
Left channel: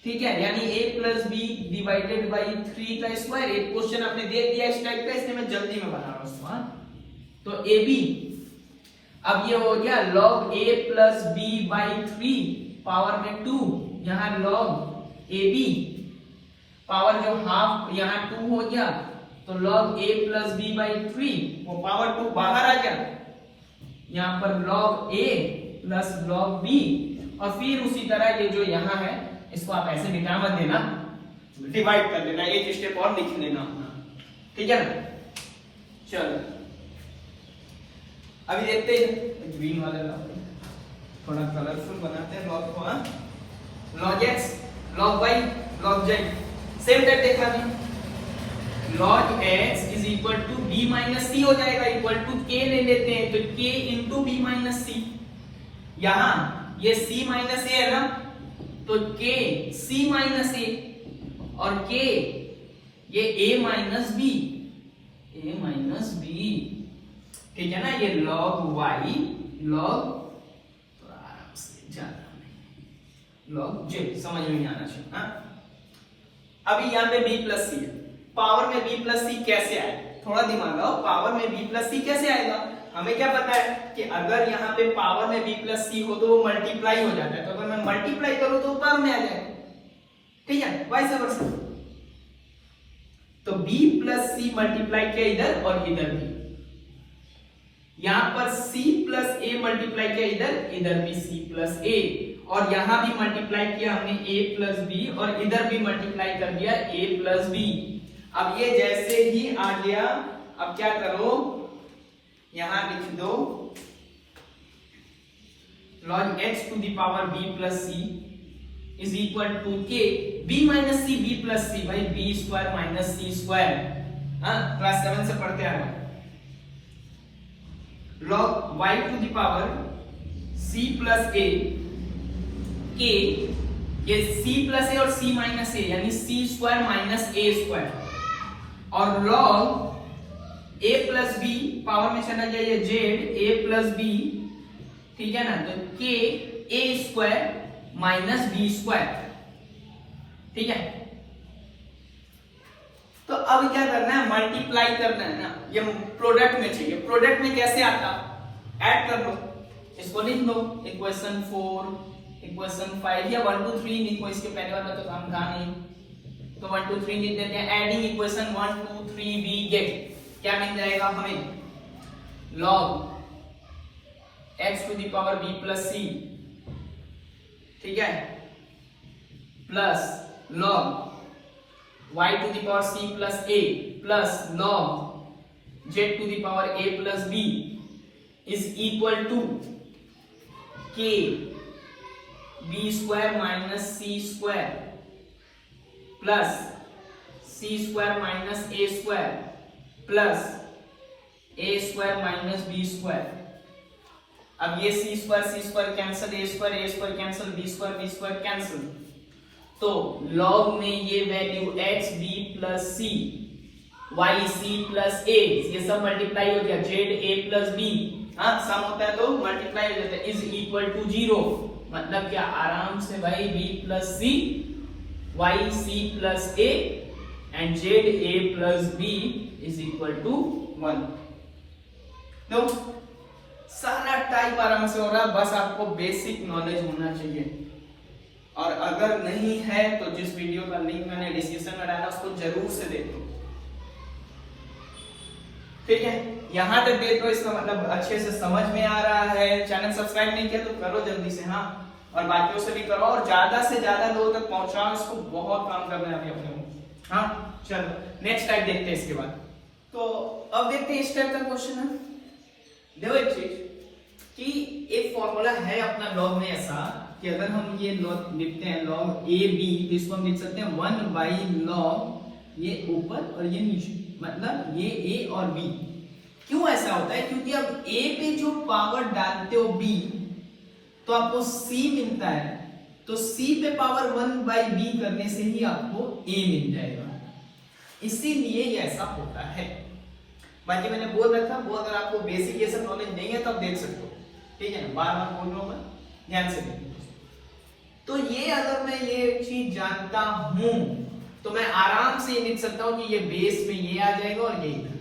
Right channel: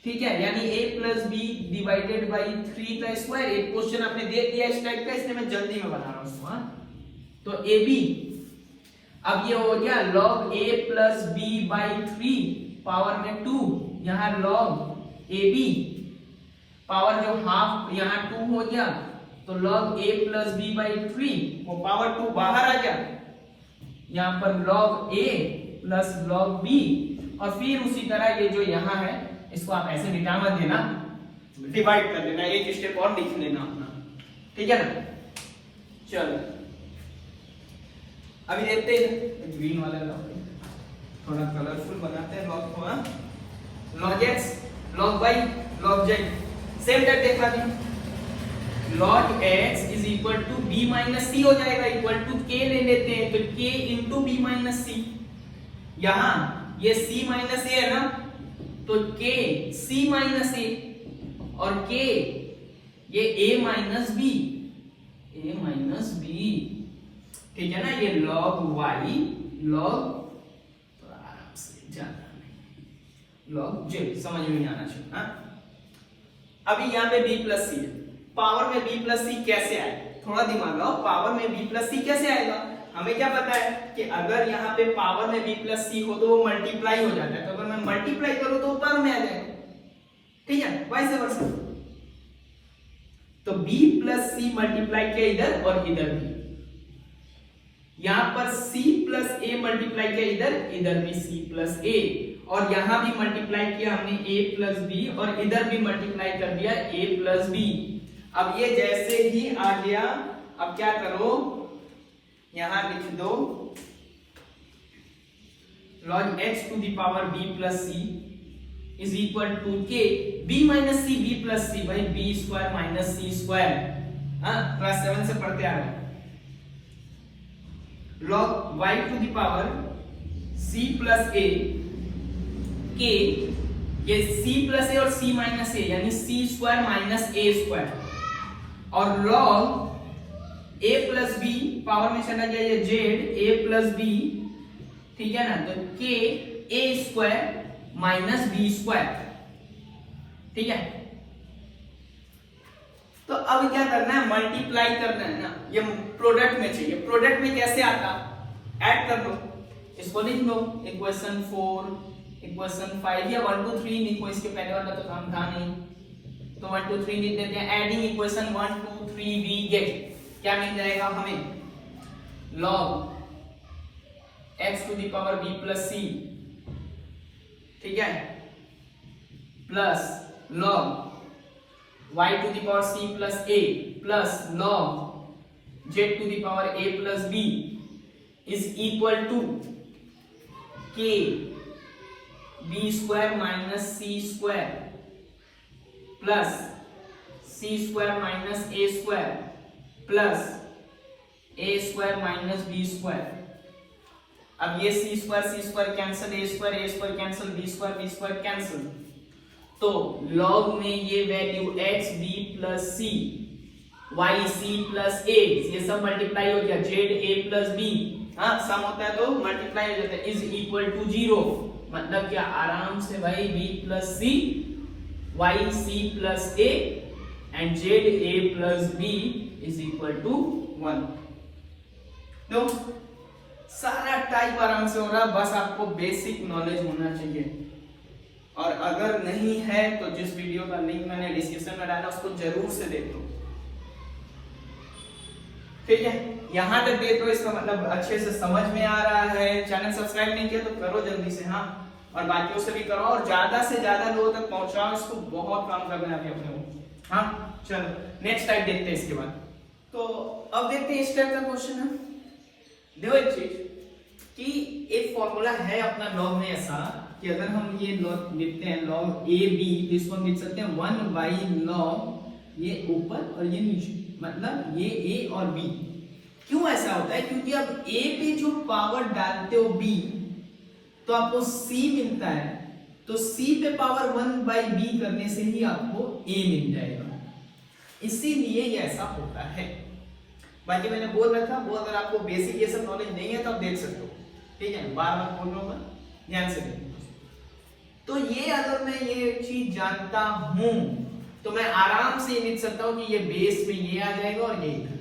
ठीक है, यानी a plus b divided by 3 का स्क्वायर। एक क्वेश्चन आपने दे दिया इस टाइप का, इसलिए मैं जल्दी में बना रहा हूं उसको। तो ab, अब ये हो गया log a plus b by 3 power में 2, यहां log ab पावर जो हाफ यहां 2 हो गया, तो log a plus b by 3, वो पावर 2 बाहर आ गया, यहां पर log a plus log b, और फिर उसी तरह ये जो यहां है इसको आप ऐसे मिटा मत देना, डिवाइड कर लेना, एक स्टेप और लिख लेना अपना, ठीक है ना। चलो अभी देखते हैं ग्रीन वाला थोड़ा कलरफुल बनाते हैं लॉग को। log x, log y, log z, same type देखा थी। log x is equal to b minus C हो जाएगा, इक्वल टू k ले लेते हैं, तो k इंटू बी माइनस सी। यहां ये c माइनस ए है ना, तो k c माइनस ए, और k ये a माइनस बी, ठीक है ना। ये log y, log थोड़ा आराम से, ज्यादा नहीं, log j, समझ में आना चाहिए। हाँ, अभी यहाँ पे b प्लस सी है, पावर में b प्लस सी कैसे आए, थोड़ा दिमाग लगाओ, पावर में b प्लस सी कैसे आएगा। हमें क्या पता है कि अगर यहाँ पे पावर में b प्लस सी हो तो वो मल्टीप्लाई हो जाता है, तो अगर मैं मल्टीप्लाई करूं तो टर्म में आ जाएगा, ठीक है, वैसे कर सकते। तो b प्लस सी मल्टीप्लाई किया इधर और इधर भी, यहां पर c प्लस a मल्टीप्लाई किया इधर भी c प्लस a, और यहां भी मल्टीप्लाई किया हमने a प्लस b, और इधर भी मल्टीप्लाई कर दिया a प्लस b। अब ये जैसे ही आ गया, अब क्या करो, यहां लिख दो log x to the power b plus c is equal to k b minus c, b plus c भाई b square minus c square, हाँ क्लास 7 से पढ़ते आ रहे हैं। log y to the power c plus a, k, ये c plus a और c minus a, यानी c square minus a square, और log a plus b power में चला गया ये z, a प्लस b, ठीक है ना, तो k a square minus b square, ठीक है। तो अब क्या करना है, मल्टीप्लाई करना है ना, ये प्रोडक्ट में चाहिए। प्रोडक्ट में कैसे आता, ऐड कर लो, इसको लिख लो, इक्वेशन 4, इक्वेशन 5 या 1 2 3 लिखो, इसके पहले वाला तो काम था नहीं, तो 1 2 3 लिख देते हैं। एडिंग इक्वेशन 1 2 3 वी गेट क्या मिल जाएगा हमें, log x to the power b plus c, ठीक है, plus log y to the power c plus a plus log z to the power a plus b is equal to k b square minus c square plus c square minus a square plus a square minus b square. अब ये c square cancel, a square cancel, b square cancel, तो log में ये value x b plus c, y c plus a, ये सब multiply हो गया, z a plus b, हाँ सम होता है तो मल्टीप्लाई हो जाता है, इज इक्वल टू 0। मतलब क्या, आराम से भाई b plus c, y c plus a and z a plus b is equal to 1। तो सारा टाइप आराम से हो रहा है, बस आपको बेसिक नॉलेज होना चाहिए। और अगर नहीं है तो जिस वीडियो का लिंक मैंने डिस्क्रिप्शन में डाला उसको जरूर से देखो, ठीक है। यहां तक देखो, इसका मतलब अच्छे से समझ में आ रहा है। चैनल सब्सक्राइब नहीं किया तो करो जल्दी से, हाँ, और बाकियों से भी करो और ज्यादा से ज्यादा लोगों तक पहुंचाओ, इसको बहुत काम करना है अपने को, हाँ। चलो नेक्स्ट टाइप देखते हैं इसके बाद। तो अब देखते हैं इस टाइप का क्वेश्चन है। देखो एक चीज कि एक फॉर्मूला है अपना लॉग में ऐसा कि अगर हम ये लॉग लिखते हैं लॉग ए बी, तो इसको हम लिख सकते हैं 1 बाई लॉग ये ऊपर और ये नीचे, मतलब ये ए और बी। क्यों ऐसा होता है? क्योंकि अब ए पे जो पावर डालते हो बी तो आपको सी मिलता है, तो सी पे पावर 1 बाई बी करने से ही आपको ए मिल जाएगा, इसीलिए ये ऐसा होता है। बाकी मैंने बोल रखा, वो अगर आपको बेसिक ये सब नॉलेज नहीं है तो आप देख सकते हो, ठीक है, बार बार बोल रहा हूं, ध्यान से देखिए। तो ये अगर मैं ये चीज जानता हूं तो मैं आराम से ये लिख सकता हूं कि ये बेस पे ये आ जाएगा और ये इधर,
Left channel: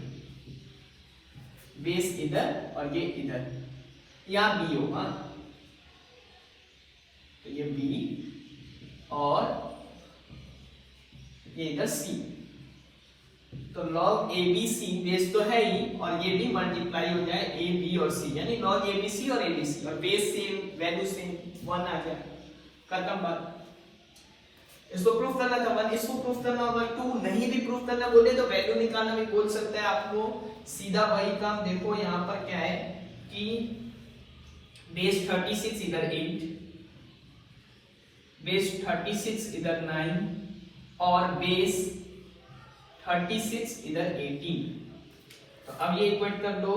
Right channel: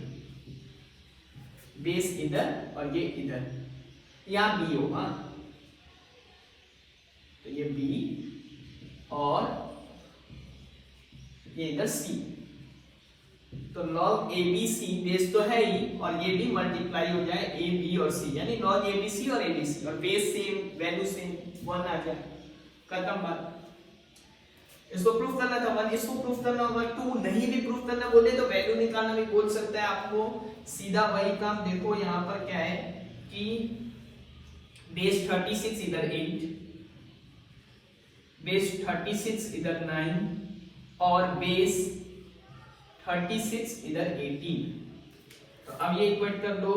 बेस इधर और ये इधर, यहां बी होगा, तो ये बी और ये इधर सी। तो log ABC बेस तो है ही, और ये भी मल्टीप्लाई हो जाए ए बी और सी, यानी log ABC और ABC, और बेस सेम, वैल्यू सेम, 1 आ जाए, खत्म बात। इसको प्रूफ करना था 1, इसको प्रूफ करना होगा 2, नहीं भी प्रूफ करना बोले तो वैल्यू निकालना भी बोल सकता है आपको, सीधा वही काम। देखो यहाँ पर क्या है कि बेस 36 इधर 8, बेस 36 इधर 9 और बेस 36 इधर 18। तो अब ये इक्वेट कर दो,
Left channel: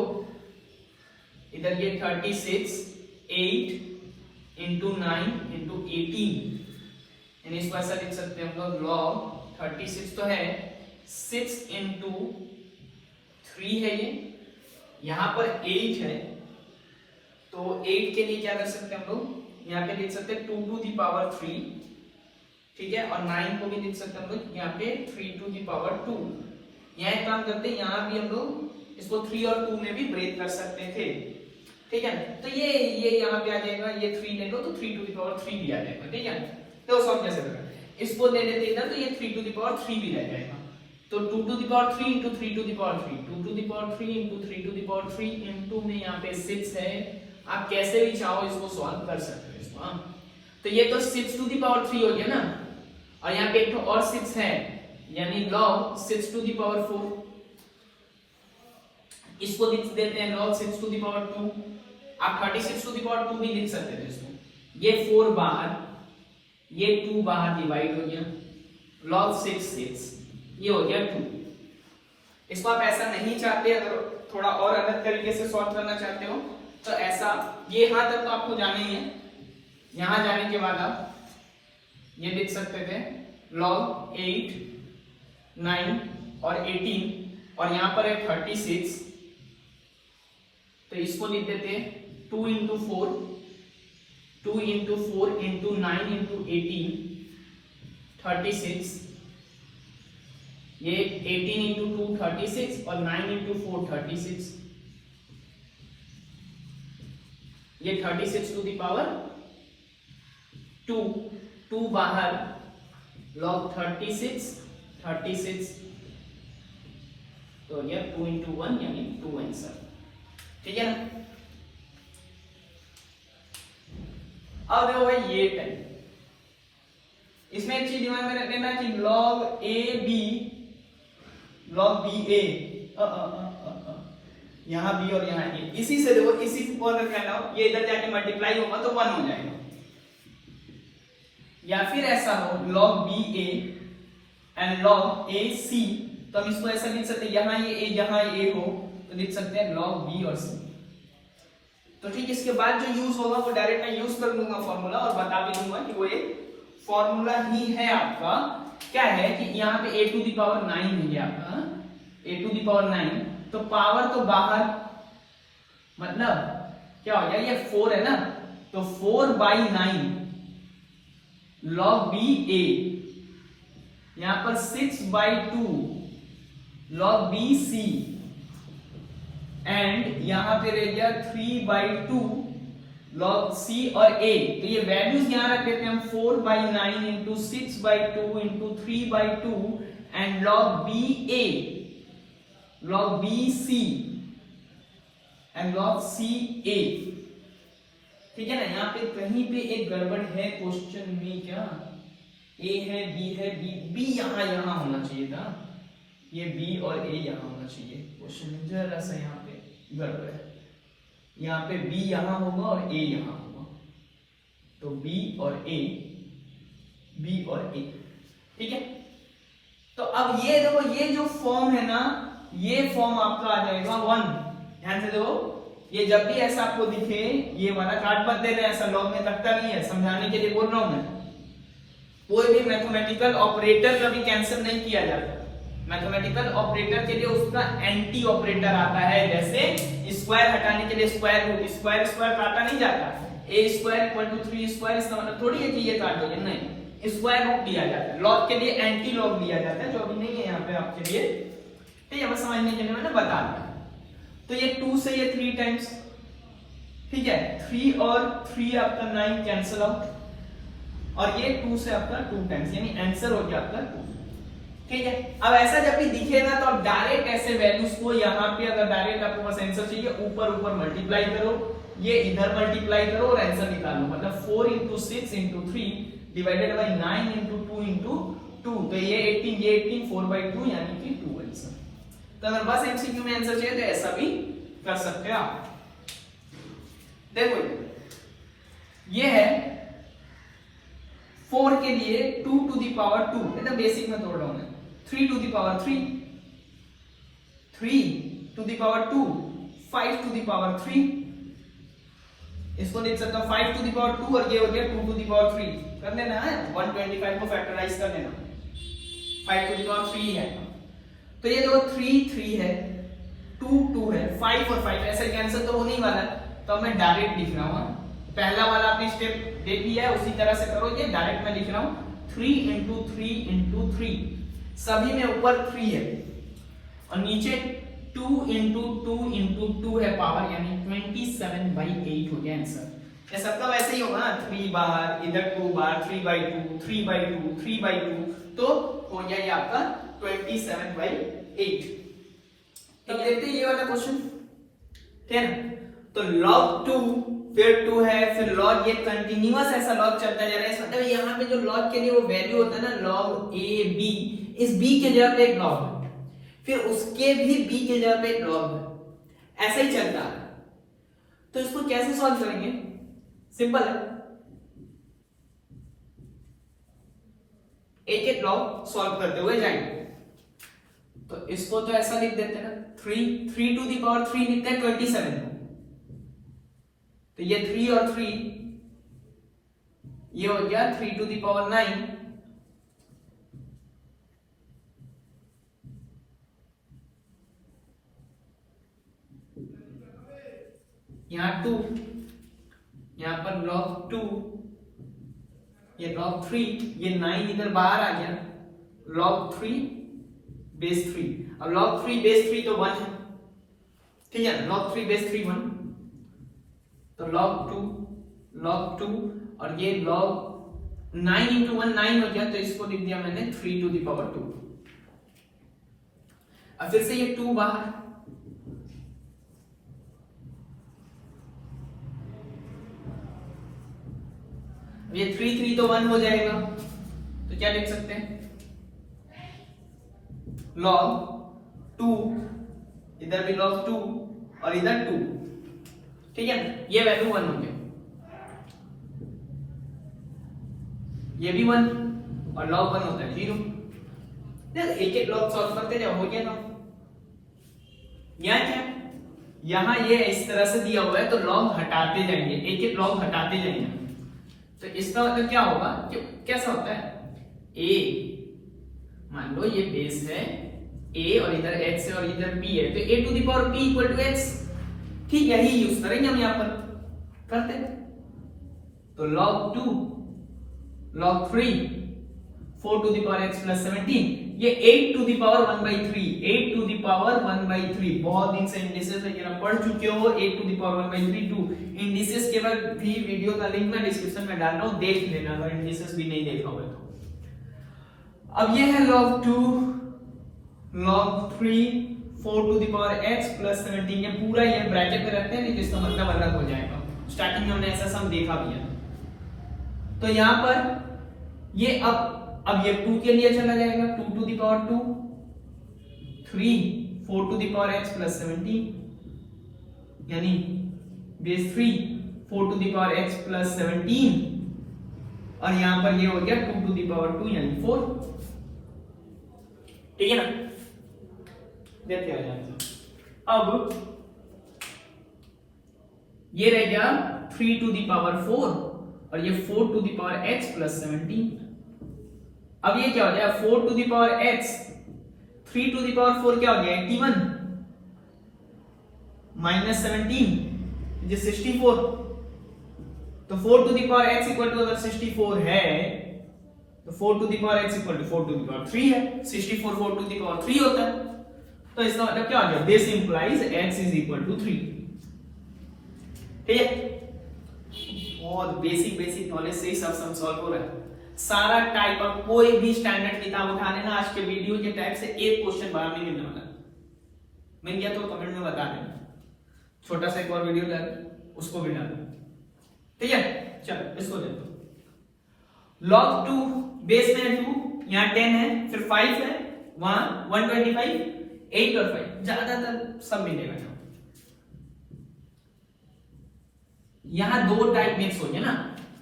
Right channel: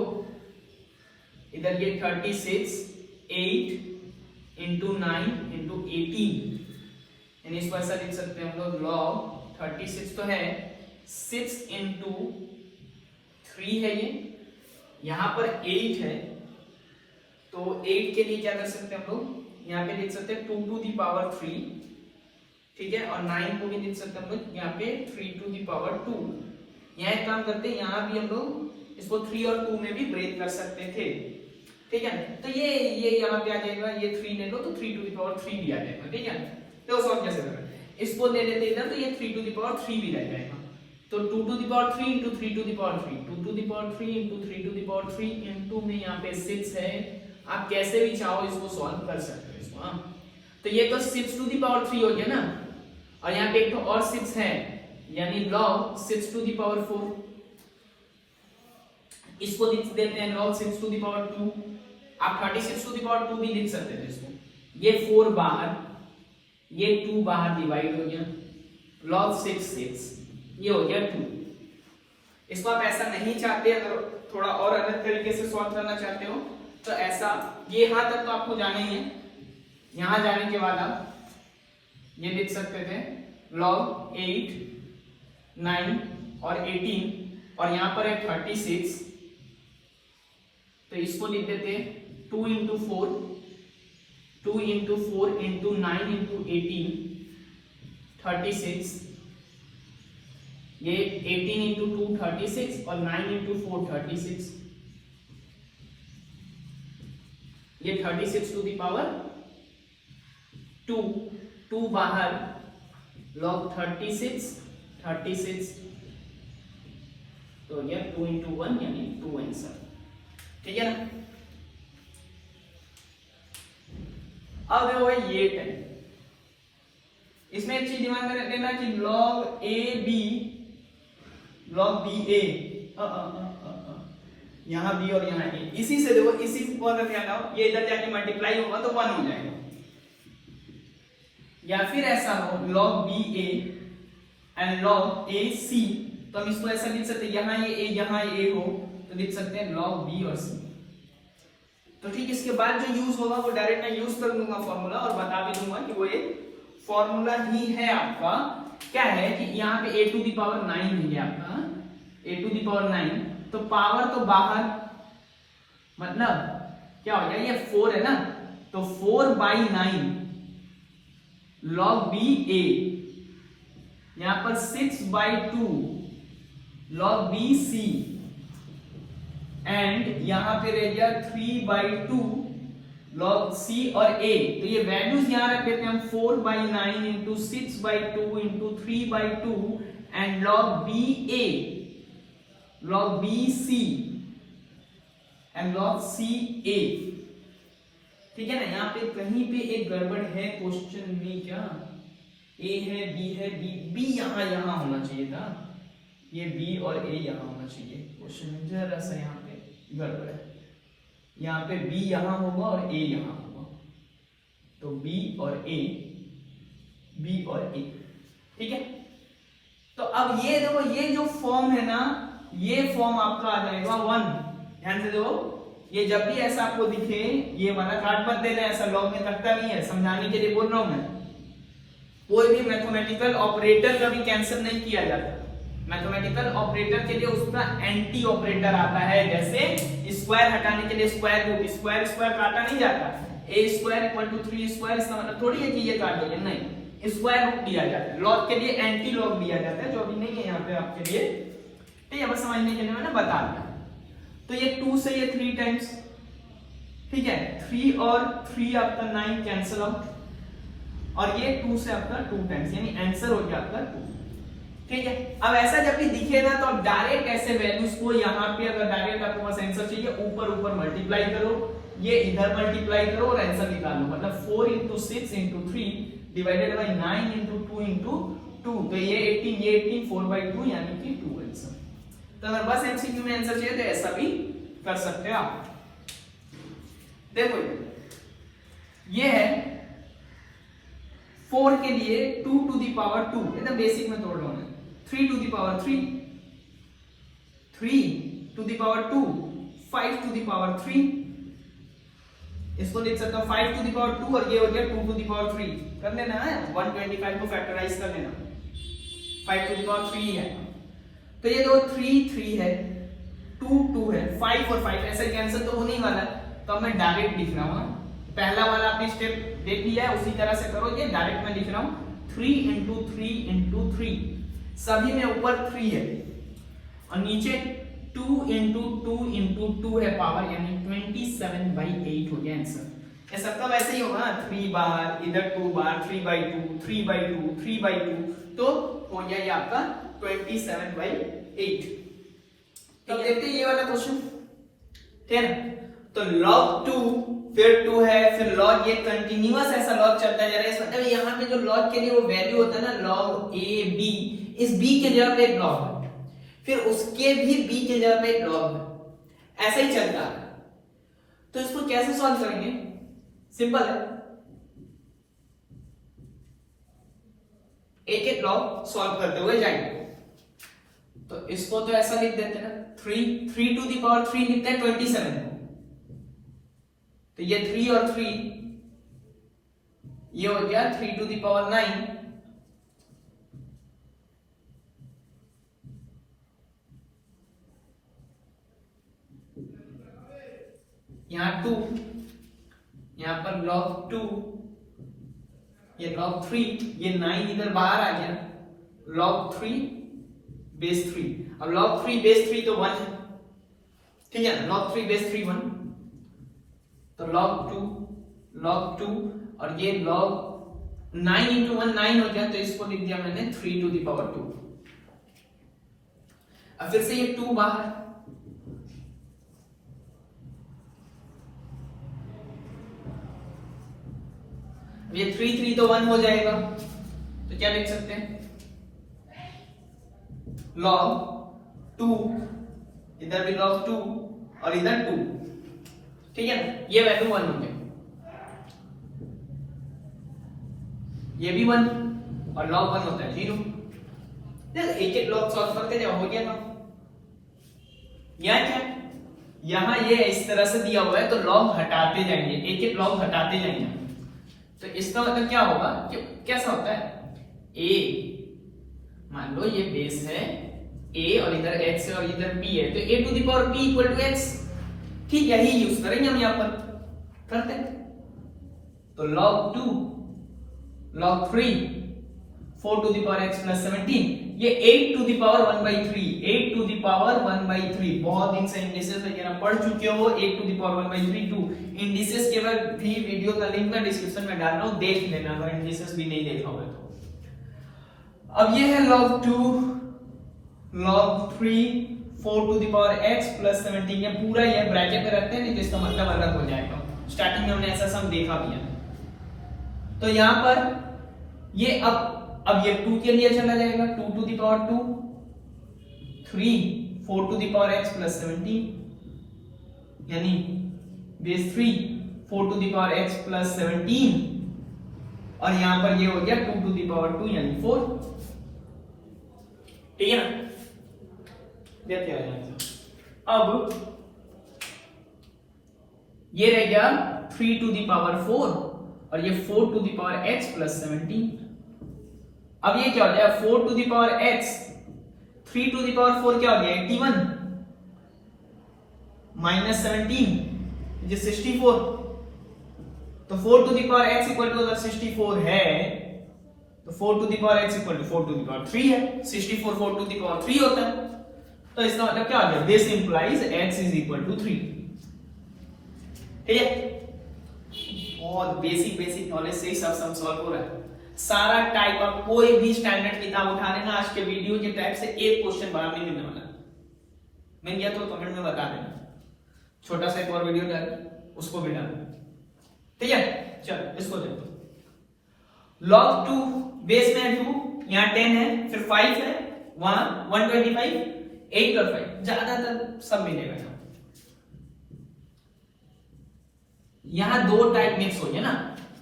इधर ये 36 8 इंटू 9 इंटू 18, यानी इसको ऐसा लिख सकते हैं हम लोग log 36 तो है 6 इंटू 3 है, ये यहाँ पर 8 है, तो 8 के लिए क्या कर सकते हैं हम लोग, यहाँ पे लिख सकते हैं 2 टू दी पावर 3, ठीक है, और 9 को भी लिख सकते हैं हम लोग यहाँ पे 3 टू दी पावर 2। यहाँ काम करते हैं, यहाँ भी हम लोग इसको 3 और 2 में भी ब्रेक कर सकते थे, ठीक है। तो ये यहाँ पे आ जाएगा, ये 3 ले लो तो 3 टू दी पावर 3 भी आ जाएगा, ठीक है। तो सॉल्व कैसे करें, इसको ले लेते इधर, तो ये 3 टू दी पावर 3 भी रह जाएगा, तो 2 to the power 3 into 3 to the power 3, 2 to the power 3 into 3 to the power 3 into में यहाँ पे 6 है। आप कैसे भी चाहो इसको सॉल्व कर सकते हो इसको, हाँ। तो ये तो 6 टू दी पावर 3 हो गया ना, और यहाँ पे एक तो और 6 है, यानी log 6 टू दी पावर 4, इसको लिख देते हैं log 6 टू दी पावर 2। आप 36 टू दी पावर 2 भी लिख सकते थे इसको, ये 4 बाहर, ये 2 बाहर डिवाइड हो गया, log 6 ये हो गया 2। इसको आप ऐसा नहीं चाहते, अगर थोड़ा और अलग तरीके से सॉल्व करना चाहते हो तो ऐसा, ये यहां तक तो आपको जाना ही है, यहां जाने के बाद आप ये लिख सकते थे log 8 9 और 18, और यहां पर है 36, तो इसको लिख देते 2 इंटू 4 2 इंटू 4 इंटू 9 इंटू 18 36, ये 18 इंटू 2 36 और 9 इंटू 4 36, ये 36 टू दी पावर 2 बाहर, log 36 तो ये 2 इंटू 1 यानी 2 आंसर, ठीक है ना। अब देखो भाई ये 10, इसमें एक चीज दिमाग में रख लेना कि log a b log b a यहाँ b और यहाँ a, इसी से देखो इसी पर ध्यान आओ, ये इधर जाके मल्टीप्लाई होगा तो 1 हो जाएगा, या फिर ऐसा हो log b a and log a c, तो हम इसको ऐसे लिख सकते हैं, यहाँ ये a यहाँ a हो तो लिख सकते हैं log b और c। तो ठीक, इसके बाद जो यूज होगा वो डायरेक्ट मैं यूज कर लूंगा फॉर्मूला और बता भी दूंगा कि वो ये फॉर्मूला ही है आपका। क्या है कि यहाँ पे a टू द पावर 9 हो गया आपका, a टू द पावर 9, तो पावर तो बाहर, मतलब क्या हो गया, ये 4 है ना, तो 4/9 log b a, यहाँ पर 6/2 log b c, एंड यहां पे रह गया 3/2 log c और a। तो ये वैल्यूज यहां रख देते हैं हम, 4/9 into 6/2 into 3/2 and log b a, log b c and log c a। ठीक है ना। यहाँ पे कहीं पे एक गड़बड़ है क्वेश्चन में, क्या a है b है, b यहाँ होना चाहिए था, ये b और a यहाँ होना चाहिए, क्वेश्चन जरा सा यहाँ पे गड़बड़ है, यहाँ पे b यहाँ होगा और a यहाँ होगा, तो b और a, b और a, ठीक है। तो अब ये देखो, ये जो फॉर्म है ना, ये फॉर्म आपका आ जाएगा 1। ध्यान से देखो, ये जब भी ऐसा आपको दिखे, ये वाला काट मत देना, ऐसा लॉग में लगता नहीं है, समझाने के लिए बोल रहा हूं मैं। कोई भी मैथमेटिकल ऑपरेटर कभी कैंसिल नहीं किया जाता, मैथमेटिकल ऑपरेटर के लिए उसका एंटी ऑपरेटर आता है, जैसे स्क्वायर हटाने के लिए स्क्वायर रूट, स्क्वायर काटा नहीं जाता, a square equal to 3 square, इसका मतलब थोड़ी है कि ये काट दोगे, नहीं, स्क्वायर रूट दिया जाता है, लॉग के लिए एंटी लॉग दिया जाता है, जो अभी नहीं है यहाँ पे आपके लिए, ठीक है, बस समझने के लिए मैंने बता दिया। तो ये 2 से ये 3 टाइम्स, ठीक है, 3 और 3 आपका 9 कैंसिल आउट, और ये 2 से आपका 2 टाइम्स, यानी आंसर हो गया आपका 2। ठीक है। अब ऐसा जब भी दिखेगा तो आप डायरेक्ट ऐसे वैल्यूज को यहाँ पे, अगर डायरेक्ट आपको बस आंसर चाहिए, ऊपर मल्टीप्लाई करो, ये इधर मल्टीप्लाई करो और आंसर निकालो, मतलब 4 into 6 into 3 divided by 9 into 2 into 2, तो ये 18, ये 18, 4/2 यानी कि 2 आंसर। तो अगर बस एमसीक्यू में आंसर चाहिए तो ऐसा भी कर सकते हैं आप। देखो ये है 4 के लिए 2 टू द पावर 2, एकदम बेसिक में तोड़ रहा हूं मैं, 3 to the power 3, 3 to the power 2, 5 to the power 3, इसको देख सकता हूं 5 टू द पावर 2 और ये हो गया 2 टू द पावर 3, कर लेना है 125 को फैक्टराइज कर लेना, 5 टू द पावर 3 है, तो ये जो 3 3 है, 2 2 है, 5 और 5 ऐसे कैंसिल तो होने ही वाला है, तो अब मैं डायरेक्ट लिख रहा हूं, पहला वाला आपने स्टेप देख लिया है, उसी तरह से करो, ये डायरेक्ट मैं लिख रहा हूं 3 इंटू 3 इंटू 3, सभी में ऊपर 3 है और नीचे 2 इंटू 2 इंटू 2 है पावर, यानी 27/8 हो गया आंसर। ये सबका वैसे ही होगा ना, 3 बार इधर 2 बार, 3/2 3/2 3/2, तो हो गया ये आपका 27/8। तो देखते हैं ये वाला क्वेश्चन, ठीक है। तो log 2 फिर 2 है, फिर log, ये कंटिन्यूअस ऐसा log चलता जा रहा है, मतलब यहाँ पे जो log के लिए वो वैल्यू होता है ना, log a b, इस b के जगह पे एक log है, फिर उसके भी b के जगह पे एक log है, ऐसे ही चलता है। तो इसको कैसे सॉल्व करेंगे? सिंपल है, एक एक log सॉल्व करते हुए जाएंगे। तो इसको तो ऐसा लिख देते हैं, 3 टू द पावर 3 लिखते हैं 27, तो ये 3 और 3, ये हो गया 3 टू द पावर 9, यहाँ 2, यहाँ पर log 2, ये log 3, ये 9 इधर बाहर आ गया, log 3 बेस 3, और log 3 बेस 3 तो 1 है, ठीक है, log 3 बेस 3 1, तो log 2 और ये log 9 इंटू 1 9 हो गया, तो इसको लिख दिया मैंने 3 टू द पावर 2। अब फिर से ये 2 बाहर, ये 3 तो 1 हो जाएगा, तो क्या लिख सकते हैं log 2, इधर भी log 2 और इधर 2, ठीक है। ये वैल्यू 1 हो गया, ये भी 1 और log 1 होता है 0। एक एक log सॉल्व करते जाओ, हो गया ना। यहाँ क्या, यहाँ ये इस तरह से दिया हुआ है तो log हटाते जाएंगे, एक एक log हटाते जाएंगे। तो इसका मतलब क्या होगा कि कैसा होता है, a मान लो ये बेस है a और इधर x है और इधर p है, तो a to the power p equal to x, ठीक है, यही यूज करेंगे हम यहाँ पर, करते हैं। तो log 2 log 3 4 to the power x plus 17, ये 8 to the power 1/3, 8 to the power 1/3। बहुत दिन से इंडिसेस वगैरह पढ़ चुके हो, 8 टू द पावर 1/3 2 इंडिसेस के बाद भी वीडियो का लिंक मैं डिस्क्रिप्शन में डाल रहा हूं, देख लेना अगर इंडिसेस भी नहीं देखा हो तो। अब ये है log 2 log 3 4 to the power x plus 17, ये पूरा ये ब्रैकेट में रखते हैं, जिसका मतलब अलग हो जाएगा। स्टार्टिंग में हमने ऐसा सम देखा भी है। तो यहां पर ये अब ये 2 के लिए चला जाएगा, 2 to the power 2 3 4 to the power x plus 17, यानी base 3 4 to the power x plus 17, और यहां पर ये हो गया 2 टू द पावर 2 यानी 4, ठीक है ना। देते हैं अब ये रह गया 3 टू द पावर 4 और ये 4 to the power x plus 17। अब ये क्या हो गया 4 to the power x, 3 to the power 4 क्या हो गया 81 माइनस 17 ये 64, तो 4 to the power x equal to अगर 64 है तो 4 to the power x equal to 4 to the power 3 है, 64 4 टू द पावर 3 होता है। तो इसका मतलब क्या आ गया, this implies x is equal to 3, ठीक है। बहुत बेसिक नॉलेज से ही सब सॉल्व हो रहा है। सारा टाइप ऑफ कोई भी स्टैंडर्ड किताब उठा लेना, आज के वीडियो के टाइप से एक क्वेश्चन बाहर नहीं मिलने वाला। मैं क्या तो कमेंट में बता देना, छोटा सा एक और वीडियो डाल उसको भी डाल, ठीक है। चलो इसको देखो, log 2 बेस में है 2, यहाँ 10 है, फिर 5 है, वहां 125 8 और 5 ज्यादातर सब मिलेगा। यहां दो टाइप मिक्स हो गया ना,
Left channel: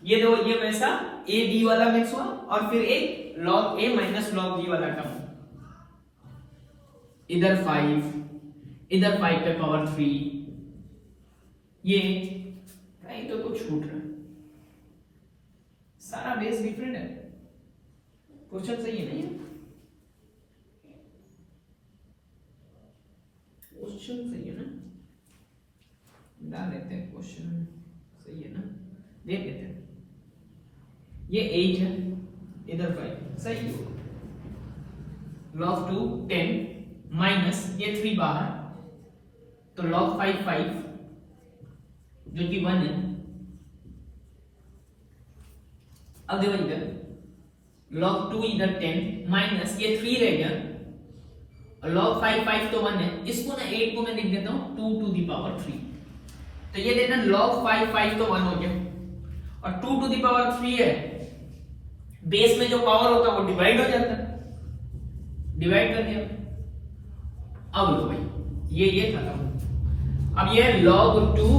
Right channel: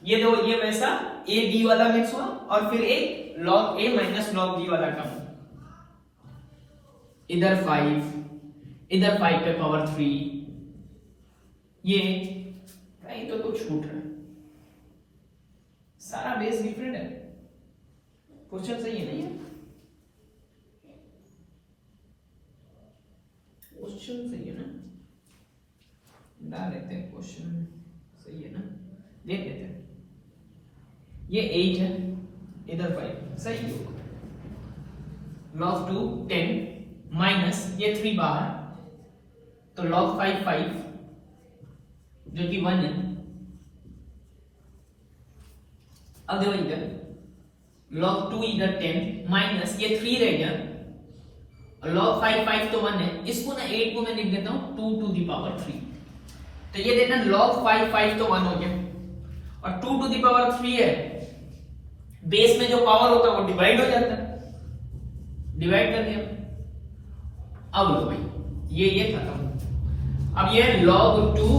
ये दो, ये वैसा a b वाला मिक्स हुआ और फिर एक log a minus log b वाला टर्म, इधर 5 इधर 5 पे पावर 3, ये नहीं तो कुछ छूट रहा है, सारा बेस डिफरेंट है। क्वेश्चन सही है नहीं है, क्वेश्चन सही है ना, डाल लेते हैं क्वेश्चन सही है ना, देख लेते हैं। ये 8 है, इधर 5, सही है। log 2 10 माइनस ये 3 बाहर, तो log 5 5 जो कि 1 है। अब देखो इधर log 2 इधर 10 माइनस ये 3 रह गया, और log 5 5 तो 1 है, इसको ना 8 को मैं लिख देता हूं 2 टू द पावर 3, तो ये देखना log 5 5 तो 1 हो गया, और 2 टू द पावर 3 है, बेस में जो पावर होता है वो डिवाइड हो जाता है, डिवाइड कर दिया। अब लो भाई ये खत्म। अब ये log 2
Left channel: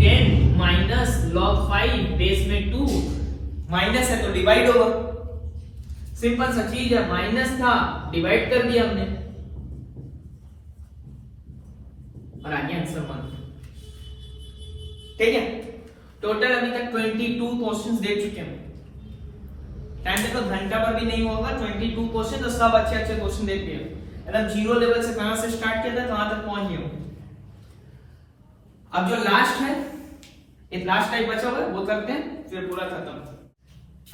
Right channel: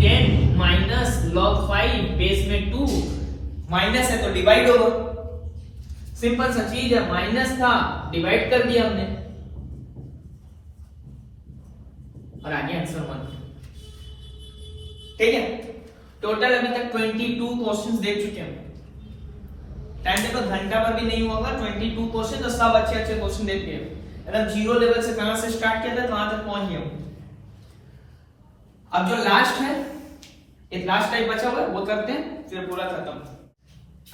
10 माइनस log 5 बेस में 2, माइनस है तो डिवाइड होगा, सिंपल सा चीज है, माइनस था डिवाइड कर दिया हमने, और आगे आंसर 1, ठीक है। टोटल अभी तक 22 क्वेश्चंस देख चुके हैं, टाइम से तो घंटा पर भी नहीं होगा, 22 क्वेश्चन, तो सब अच्छे क्वेश्चन देख लिए, एकदम जीरो लेवल से कहां से स्टार्ट किया था कहां तक पहुंच गए। अब जो लास्ट है, एक लास्ट टाइप बचा हुआ है वो करते हैं, फिर पूरा खत्म।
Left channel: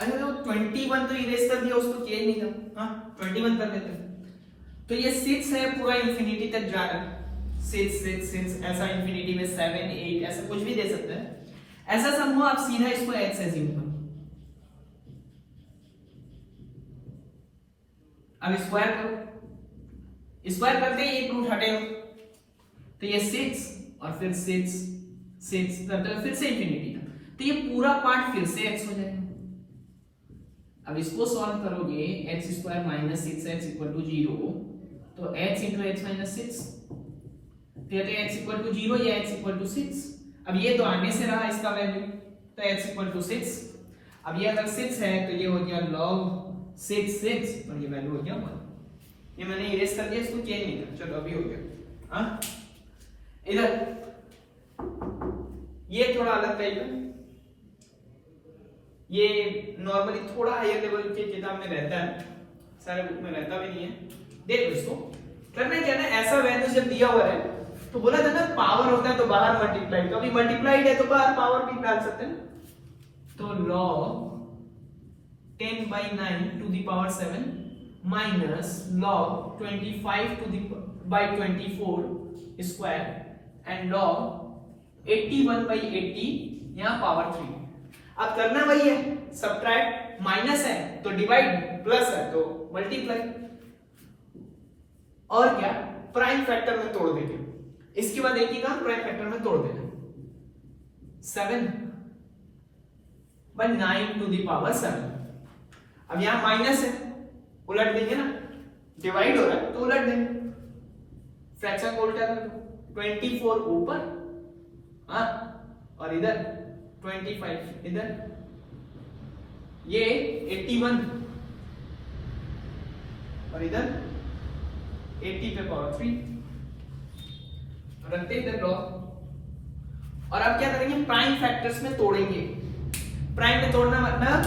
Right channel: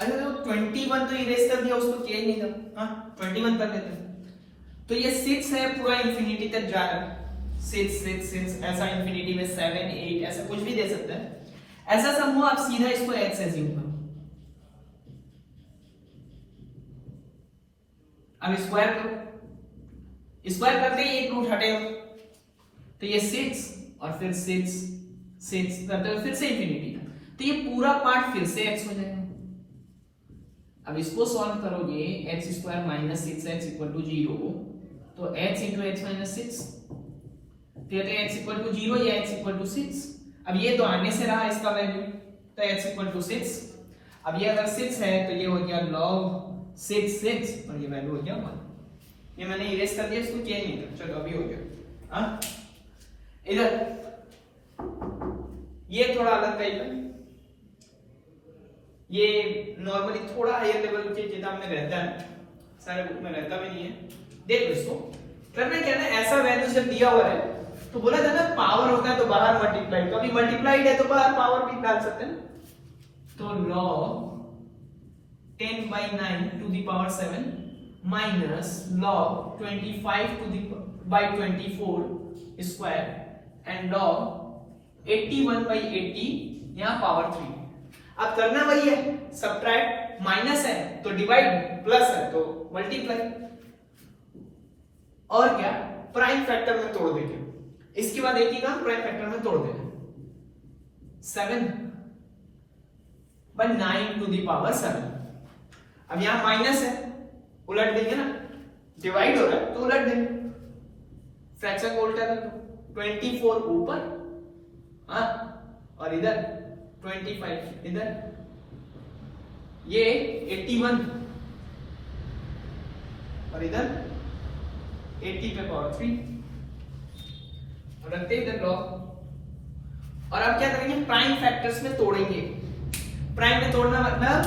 अरे तो 21 तो इरेज कर दिया, उसको किया ही नहीं था, हाँ 21 कर देते हैं। तो ये 6 है, पूरा इंफिनिटी तक जा रहा है, 6 6 6 ऐसा, इंफिनिटी में 7 8 ऐसा कुछ भी दे सकते हैं। ऐसा सम हो आप सीधा इसको x एज्यूम करो, अब स्क्वायर करो, स्क्वायर करते ही एक रूट हटेगा, तो ये 6 और फिर 6 6 करते फिर से इंफिनिटी था, तो ये पूरा पार्ट फिर से x हो जाएगा। अब इसको सॉल्व करोगे x square minus 6x equal to 0, तो x इंटू एक्स माइनस 6, तो ये तो x इक्वल टू 0 या x इक्वल टू 6। अब ये तो आगे से रहा इसका वैल्यू, तो x इक्वल टू 6। अब ये अगर 6 है तो ये हो गया log 6 और ये वैल्यू हो गया 1। ये मैंने इरेज कर दिया, इसको चेंज नहीं किया। चलो अभी हो गया। हाँ इधर ये थोड़ा अलग टाइप है, ये नॉर्मली थोड़ा हायर लेवल के किताब में रहता है, सारे बुक में रहता भी नहीं है। देखो इसको करना क्या है, ऐसा वैल्यू जब दिया हुआ है तो बोला था ना पावर होता है तो बाहर मल्टीप्लाइड, तो अभी मल्टीप्लाइड है तो बाहर पावर भी डाल सकते हैं। तो log 10/9 to the power 7 minus log 25 to the by 24 square and log 81/80 यहाँ पावर 3। अब करना वही है, सब्ट्रैक्ट, माइनस है तो डिवाइड, प्लस है तो मल्टीप्लाई, और क्या प्राइम फैक्टर में तोड़ देंगे। इसके बाद 80 का प्राइम फैक्टर में तोड़ देना, 7/9 to the power 7। अब यहां माइनस है, उलट देंगे ना, डिवाइड हो रहा है तो उलट देंगे, फ्रैक्शन को उल्टा कर दो, 24 ऊपर और इधर 25 इधर, ये 81 और इधर 80 पे पावर 3 रखते इधर लॉग। और अब क्या करेंगे, प्राइम फैक्टर्स में तोड़ेंगे। प्राइम में तोड़ना मतलब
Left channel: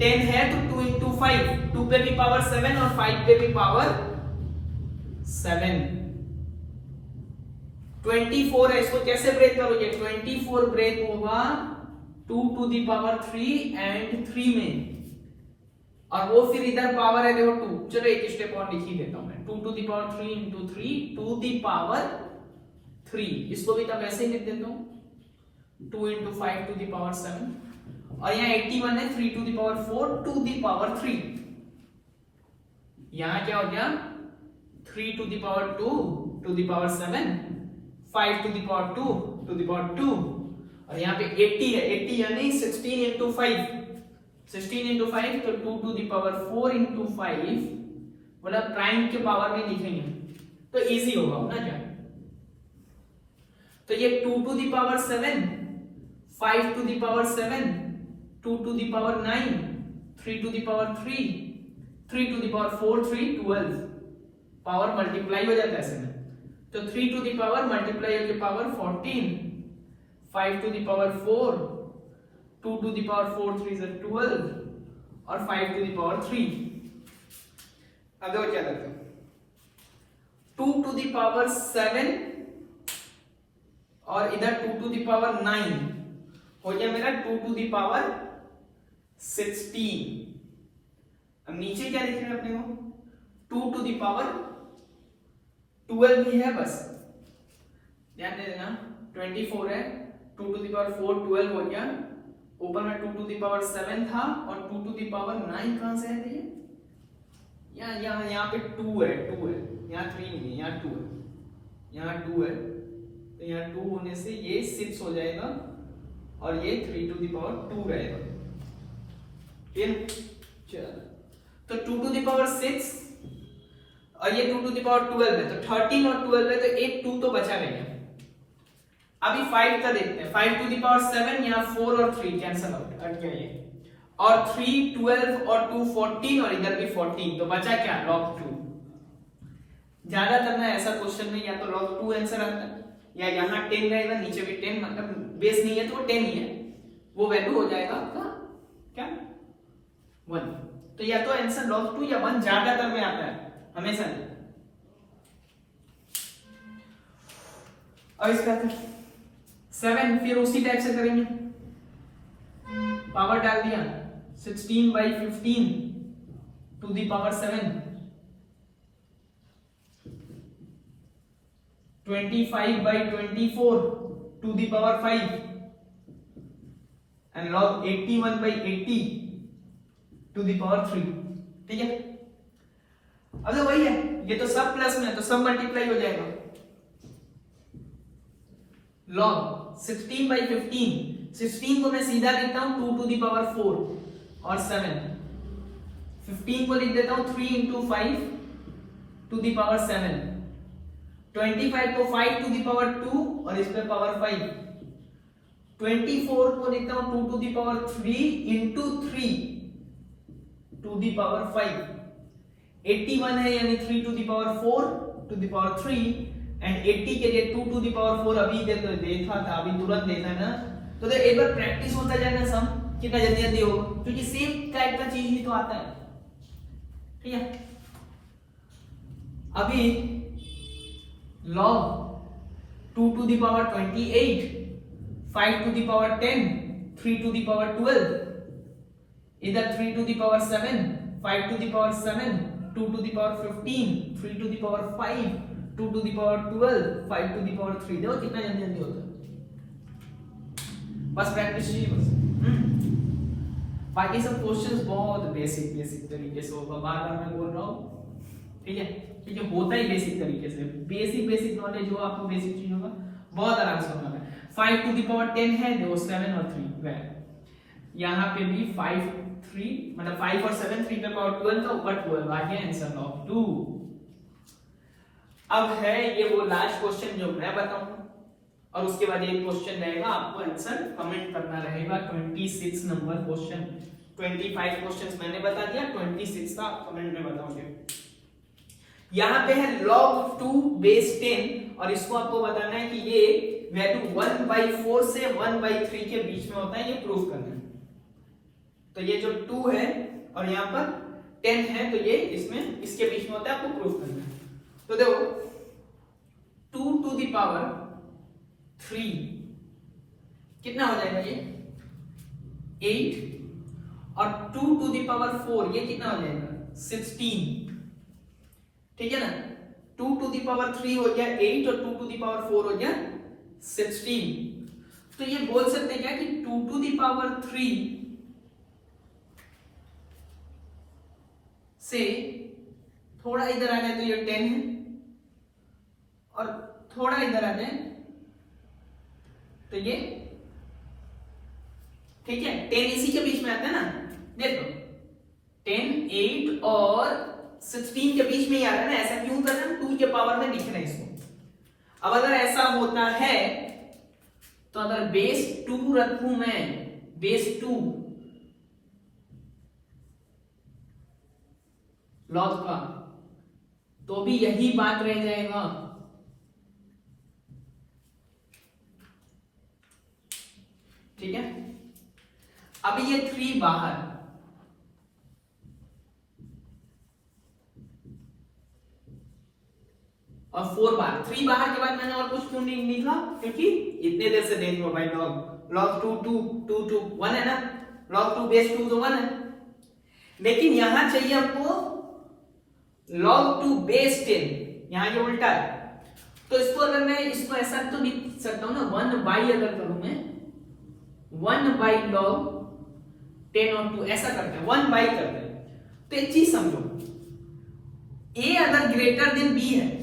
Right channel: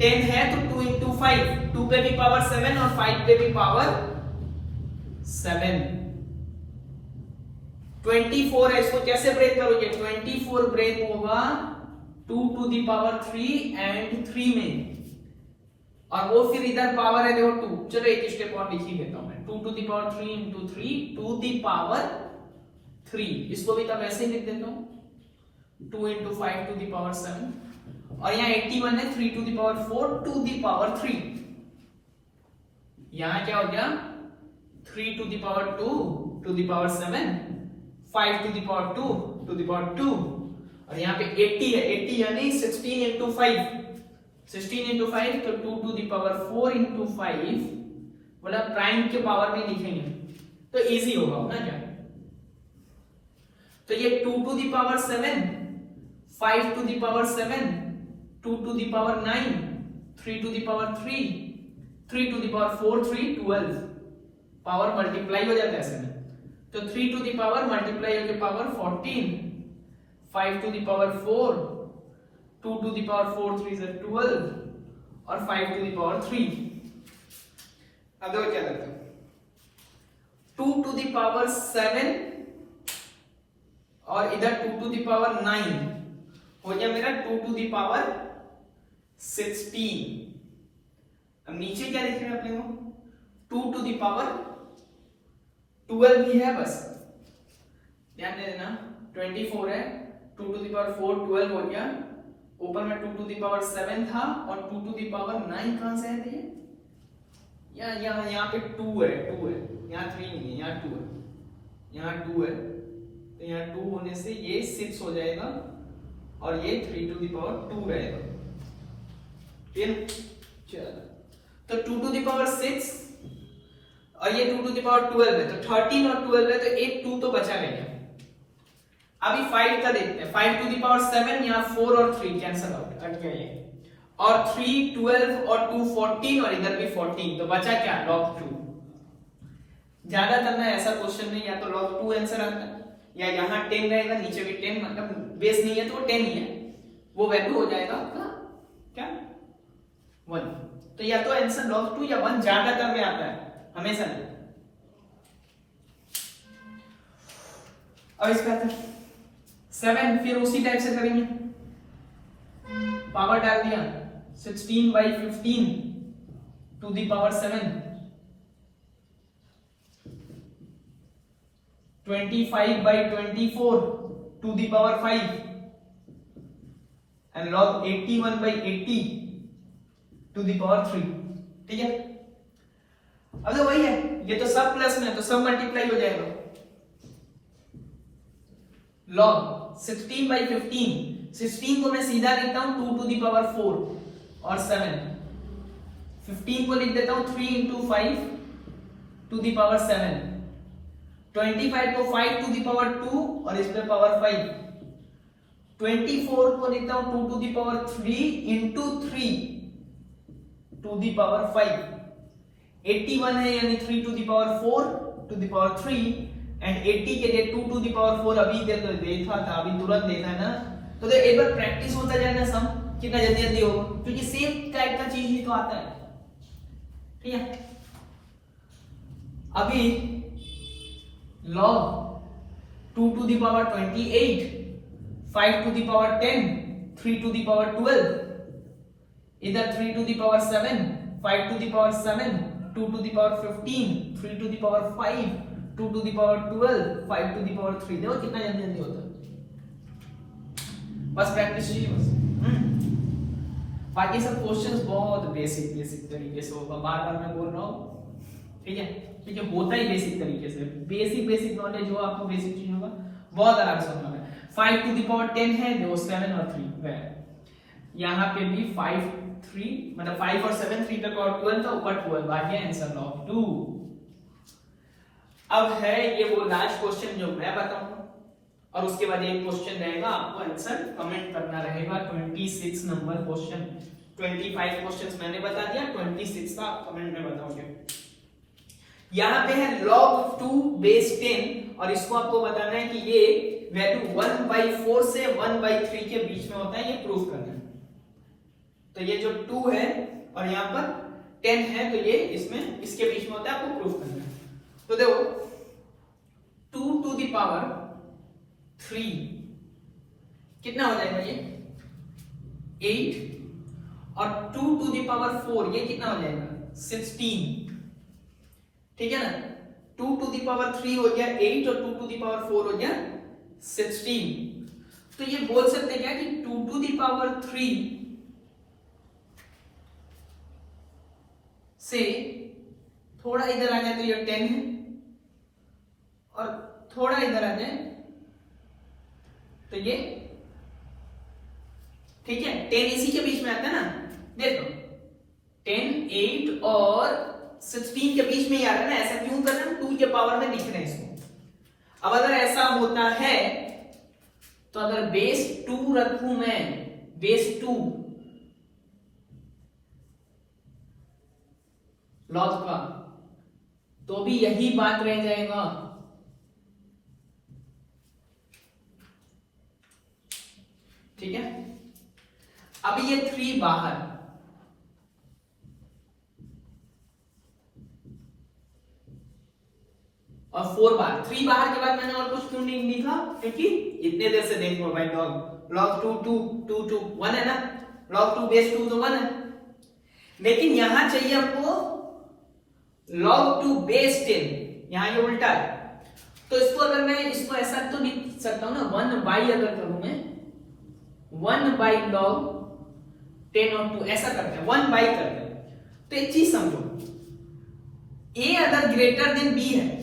10 है तो 2 into 5, 2 पे भी पावर 7 और 5 पे भी पावर 7। 24 है, इसको कैसे ब्रेक करोगे, 24 ब्रेक होगा 2 to the power 3 and 3 में, और वो फिर इधर पावर है देखो 2। चलो एक स्टेप और लिख ही देता हूं मैं, 2 to the power 3 into 3 to the power 3, इसको भी तब ऐसे ही लिख देता हूं, 2 into 5 to the power 7, और यहाँ 81 है 3 to the power 4 to the power 3। यहाँ क्या हो गया 3 to the power 2 to the power 7, 5 to the power 2 to the power 2, और यहाँ पे 80 है, 80 यानी 16 into 5, 16 into 5 तो 2 to the power 4 into 5, मतलब प्राइम के पावर में लिखेंगे तो इजी होगा ना क्या। तो ये 2 to the power 7, 5 to the power 7, 2 to the power 9, 3 to the power 3, 3 to the power 4, 3, 12, power multiply हो जाता है ऐसे में, तो 3 to the power मल्टीप्लाई होके power 14, 5 to the power 4, 2 to the power 4, 3 is 12, और 5 to the power 3। आगे और क्या करते हैं, 2 to the power 7 और इधर 2 to the power 9 हो गया मेरा 2 to the power 16। अब नीचे क्या लिख रहे हैं अपने को, 2 to the power 12 ही है बस, ध्यान दे देना, 24 है, 2 to the power 4 12 हो गया, ऊपर में 2 to the power 7 था और 2 to the power 9 कहां से है ये, यहाँ पे 2 है, यहाँ 3 नहीं है, यहाँ 2 है, यहाँ 2 है, तो यहाँ 2 होने से ये 6 हो जाएगा और ये 3 to the power 2 रहेगा। चलो तो 2 to the power 6 और ये 2 to the power 12 है, तो 13 और 12 है तो एक 2 तो बचा नहीं। अभी 5 का देखते हैं, 5 to the power 7, यहाँ 4 और 3 कैंसिल हो गए, कट गया ये, और 3 12 और 2 14 और इधर भी 14, तो बचा क्या log 2। ज्यादा करना है ऐसा क्वेश्चन में, या तो log 2 आंसर आता है या यहाँ 10 रहेगा, नीचे भी 10, मतलब बेस नहीं है तो 10 ही है, वो वैल्यू हो जाएगा आपका क्या 1। तो या तो आंसर log 2 या 1 ज्यादातर में आता है हमेशा नहीं। और इसका 7 फिर उसी टाइप से करेंगे, पावर डाल दिया 16/15 to the power 7, 25/24 to the power 5 and log 81/80 to the power 3। ठीक है, अब तो वही है, ये तो सब प्लस में है तो सब मल्टीप्लाई हो जाएगा। log 16/15 16 को मैं सीधा लिखता हूं 2 टू द पावर 4 और 7। 15 को लिख देता हूं 3 into 5 टू द पावर 7। 25 को 5 टू द पावर 2 और इस पे पावर 5। 24 को लिखता हूं 2 to the power 3 into 3 to the power 5। 81 है यानी 3 to the power 4 to the power 3 and 80 के लिए 2 टू द पावर 4 अभी देखा था, अभी तुरंत देखा ना। तो एक बार प्रैक्टिस होते जाएगा सम कितना जल्दी जल्दी हो, क्योंकि सेम टाइप का चीज ही तो आता है। ठीक है, अभी log 2 to the power 28, 5 to the power 10, 3 to the power 12, इधर 3 to the power 7, 5 to the power 7, 2 to the power 15, 3 to the power 5, 2 to the power 12, 5 to the power 3। देखो कितना जल्दी जल्दी होता है, बस प्रैक्टिस चाहिए बस। बाकी सब क्वेश्चंस बहुत बेसिक बेसिक तरीके से होगा, बार बार मैं बोल रहा हूँ। ठीक है, क्योंकि होता ही बेसिक तरीके से, बेसिक बेसिक नॉलेज जो आपको बेसिक चीज होगा बहुत आराम से होगा। 5 टू द पावर 10 है, देखो 7 और 3 वेल यहाँ पे भी 5 3 मतलब 5 और 7 3 का पावर 12 था, ऊपर 12 आ गया, आंसर लॉग 2। अब है ये वो लास्ट क्वेश्चन जो मैं बताऊंगा और उसके बाद एक क्वेश्चन रहेगा, आपको आंसर कमेंट करना रहेगा। 26 नंबर क्वेश्चन, 25 क्वेश्चंस मैंने बता दिया, 26 का कमेंट में बताओगे। यहाँ पे है log 2 बेस 10 और इसको आपको बताना है कि ये वैल्यू 1/4 से 1/3 के बीच में होता है, ये प्रूव करना है। तो ये जो 2 है और यहाँ पर 10 है, तो ये इसमें इसके बीच में होता है, आपको प्रूव करना है। तो देखो 2 टू द पावर 3 कितना हो जाएगा, ये 8 और 2 टू द पावर 4 ये कितना हो जाएगा 16। ठीक है ना, 2 टू द पावर 3 हो गया 8 और 2 टू द पावर 4 हो गया 16। तो ये बोल सकते हैं क्या कि 2 टू द पावर 3 से थोड़ा इधर आ जाए तो ये 10 है और थोड़ा इधर आ जाए तो ये, ठीक है, 10 इसी के बीच में आता है ना। देखो 10 8 और 16 के बीच में ही आ रहा है ना, ऐसा क्यों कर रहे हैं, 2 के पावर में लिख रहे हैं इसको। अब अगर ऐसा होता है तो अगर बेस 2 रखूं मैं, बेस 2 लॉग का, तो भी यही बात रह जाएगा। ठीक है, अब ये 3 बाहर और 4 बाहर, 3 बाहर के बाद मैंने और कुछ क्यों नहीं लिखा, क्योंकि इतने देर से देख लो भाई log 2 2 2 2 1 है ना, log 2 बेस 2 तो 1 है, लेकिन यहां चाहिए हमको log 2 बेस 10, यहां ये उल्टा है। तो इसको अगर मैं इसको ऐसा तो लिख सकता हूं ना, 1 बाई अगर करूं मैं 1 बाई log 10 और 2 ऐसा करते हैं, 1 बाई करते हैं। तो एक चीज समझो, a अगर ग्रेटर देन b है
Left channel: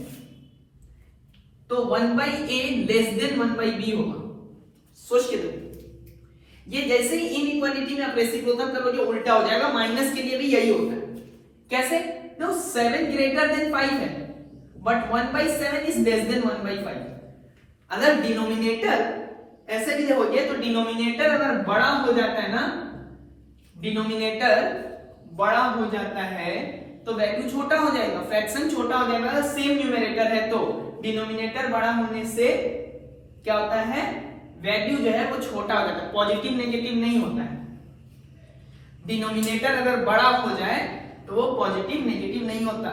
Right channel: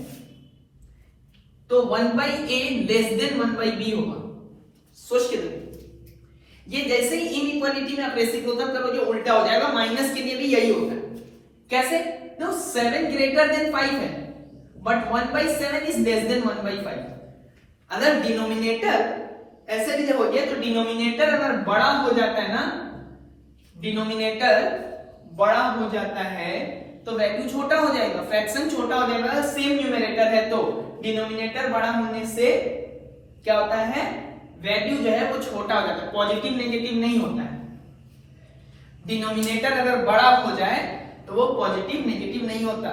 तो 1 by a less than 1 by b होगा। सोच के देखो, ये जैसे ही इनइक्वालिटी में आप रेसिप्रोकल करोगे उल्टा हो जाएगा, माइनस के लिए भी यही होता है। कैसे, तो 7 ग्रेटर देन 5 है but 1 by 7 is less than 1 by 5। अगर डिनोमिनेटर ऐसे भी जब हो गया तो डिनोमिनेटर अगर बड़ा हो जाता है ना, डिनोमिनेटर बड़ा हो जाता है तो वैल्यू छोटा हो जाएगा, फ्रैक्शन छोटा हो जाएगा। सेम न्यूमरेटर है तो डिनोमिनेटर बड़ा होने से क्या होता है, वैल्यू जो है वो छोटा हो जाता है, पॉजिटिव नेगेटिव नहीं होता है। डिनोमिनेटर अगर बड़ा हो जाए तो वो पॉजिटिव नेगेटिव नहीं होता।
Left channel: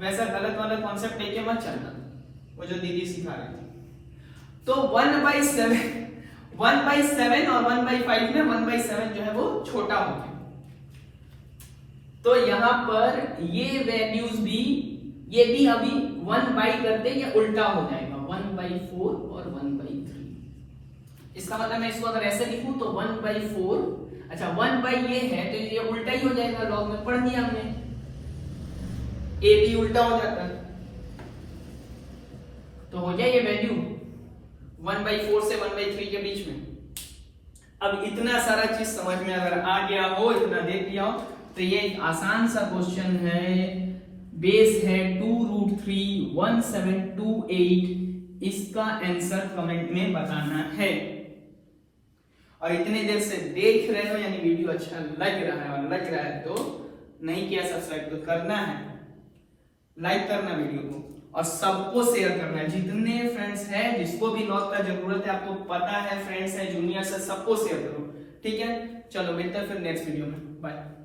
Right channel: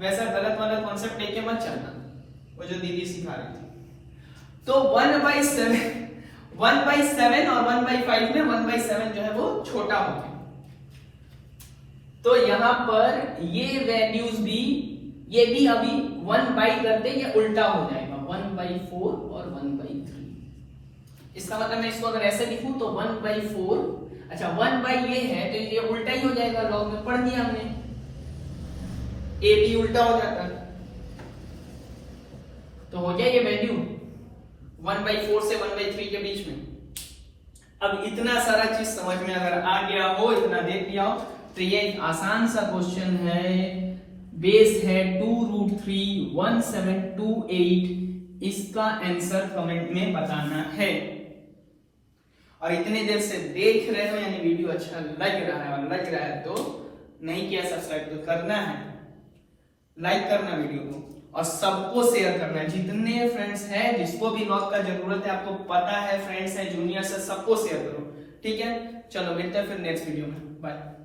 वैसा गलत वाला कॉन्सेप्ट लेके मत चलना, वो जो दीदी सिखा रही थी। तो 1/7 और 1/5 में 1/7 जो है वो छोटा हो गया। तो यहां पर ये वैल्यूज भी, ये भी अभी 1 बाई करते ये उल्टा हो जाएगा, 1/4 और 1/3। इसका मतलब मैं इसको अगर ऐसे लिखूं तो 1/4, अच्छा 1 बाई ये है तो ये उल्टा ही हो जाएगा, लॉग में पढ़ लिया हमने, ए भी उल्टा हो जाता है। तो हो गया ये वैल्यू 1/4 से 1/3 के बीच में। अब इतना सारा चीज समझ में अगर आ गया हो, इतना देख लिया हो, तो ये एक आसान सा क्वेश्चन है। बेस है 2√31728, इसका आंसर कमेंट में बताना है। और इतनी देर से देख रहे हो यानी वीडियो अच्छा लग रहा है, और लग रहा है तो नहीं किया सब्सक्राइब तो करना है, लाइक करना वीडियो को, और सबको शेयर करना। जितने फ्रेंड्स हैं, जिसको भी नॉक का जरूरत है, आपको पता है फ्रेंड्स है, जूनियर से, सबको शेयर करो, ठीक है। चलो मिलते हैं फिर नेक्स्ट वीडियो में, बाय।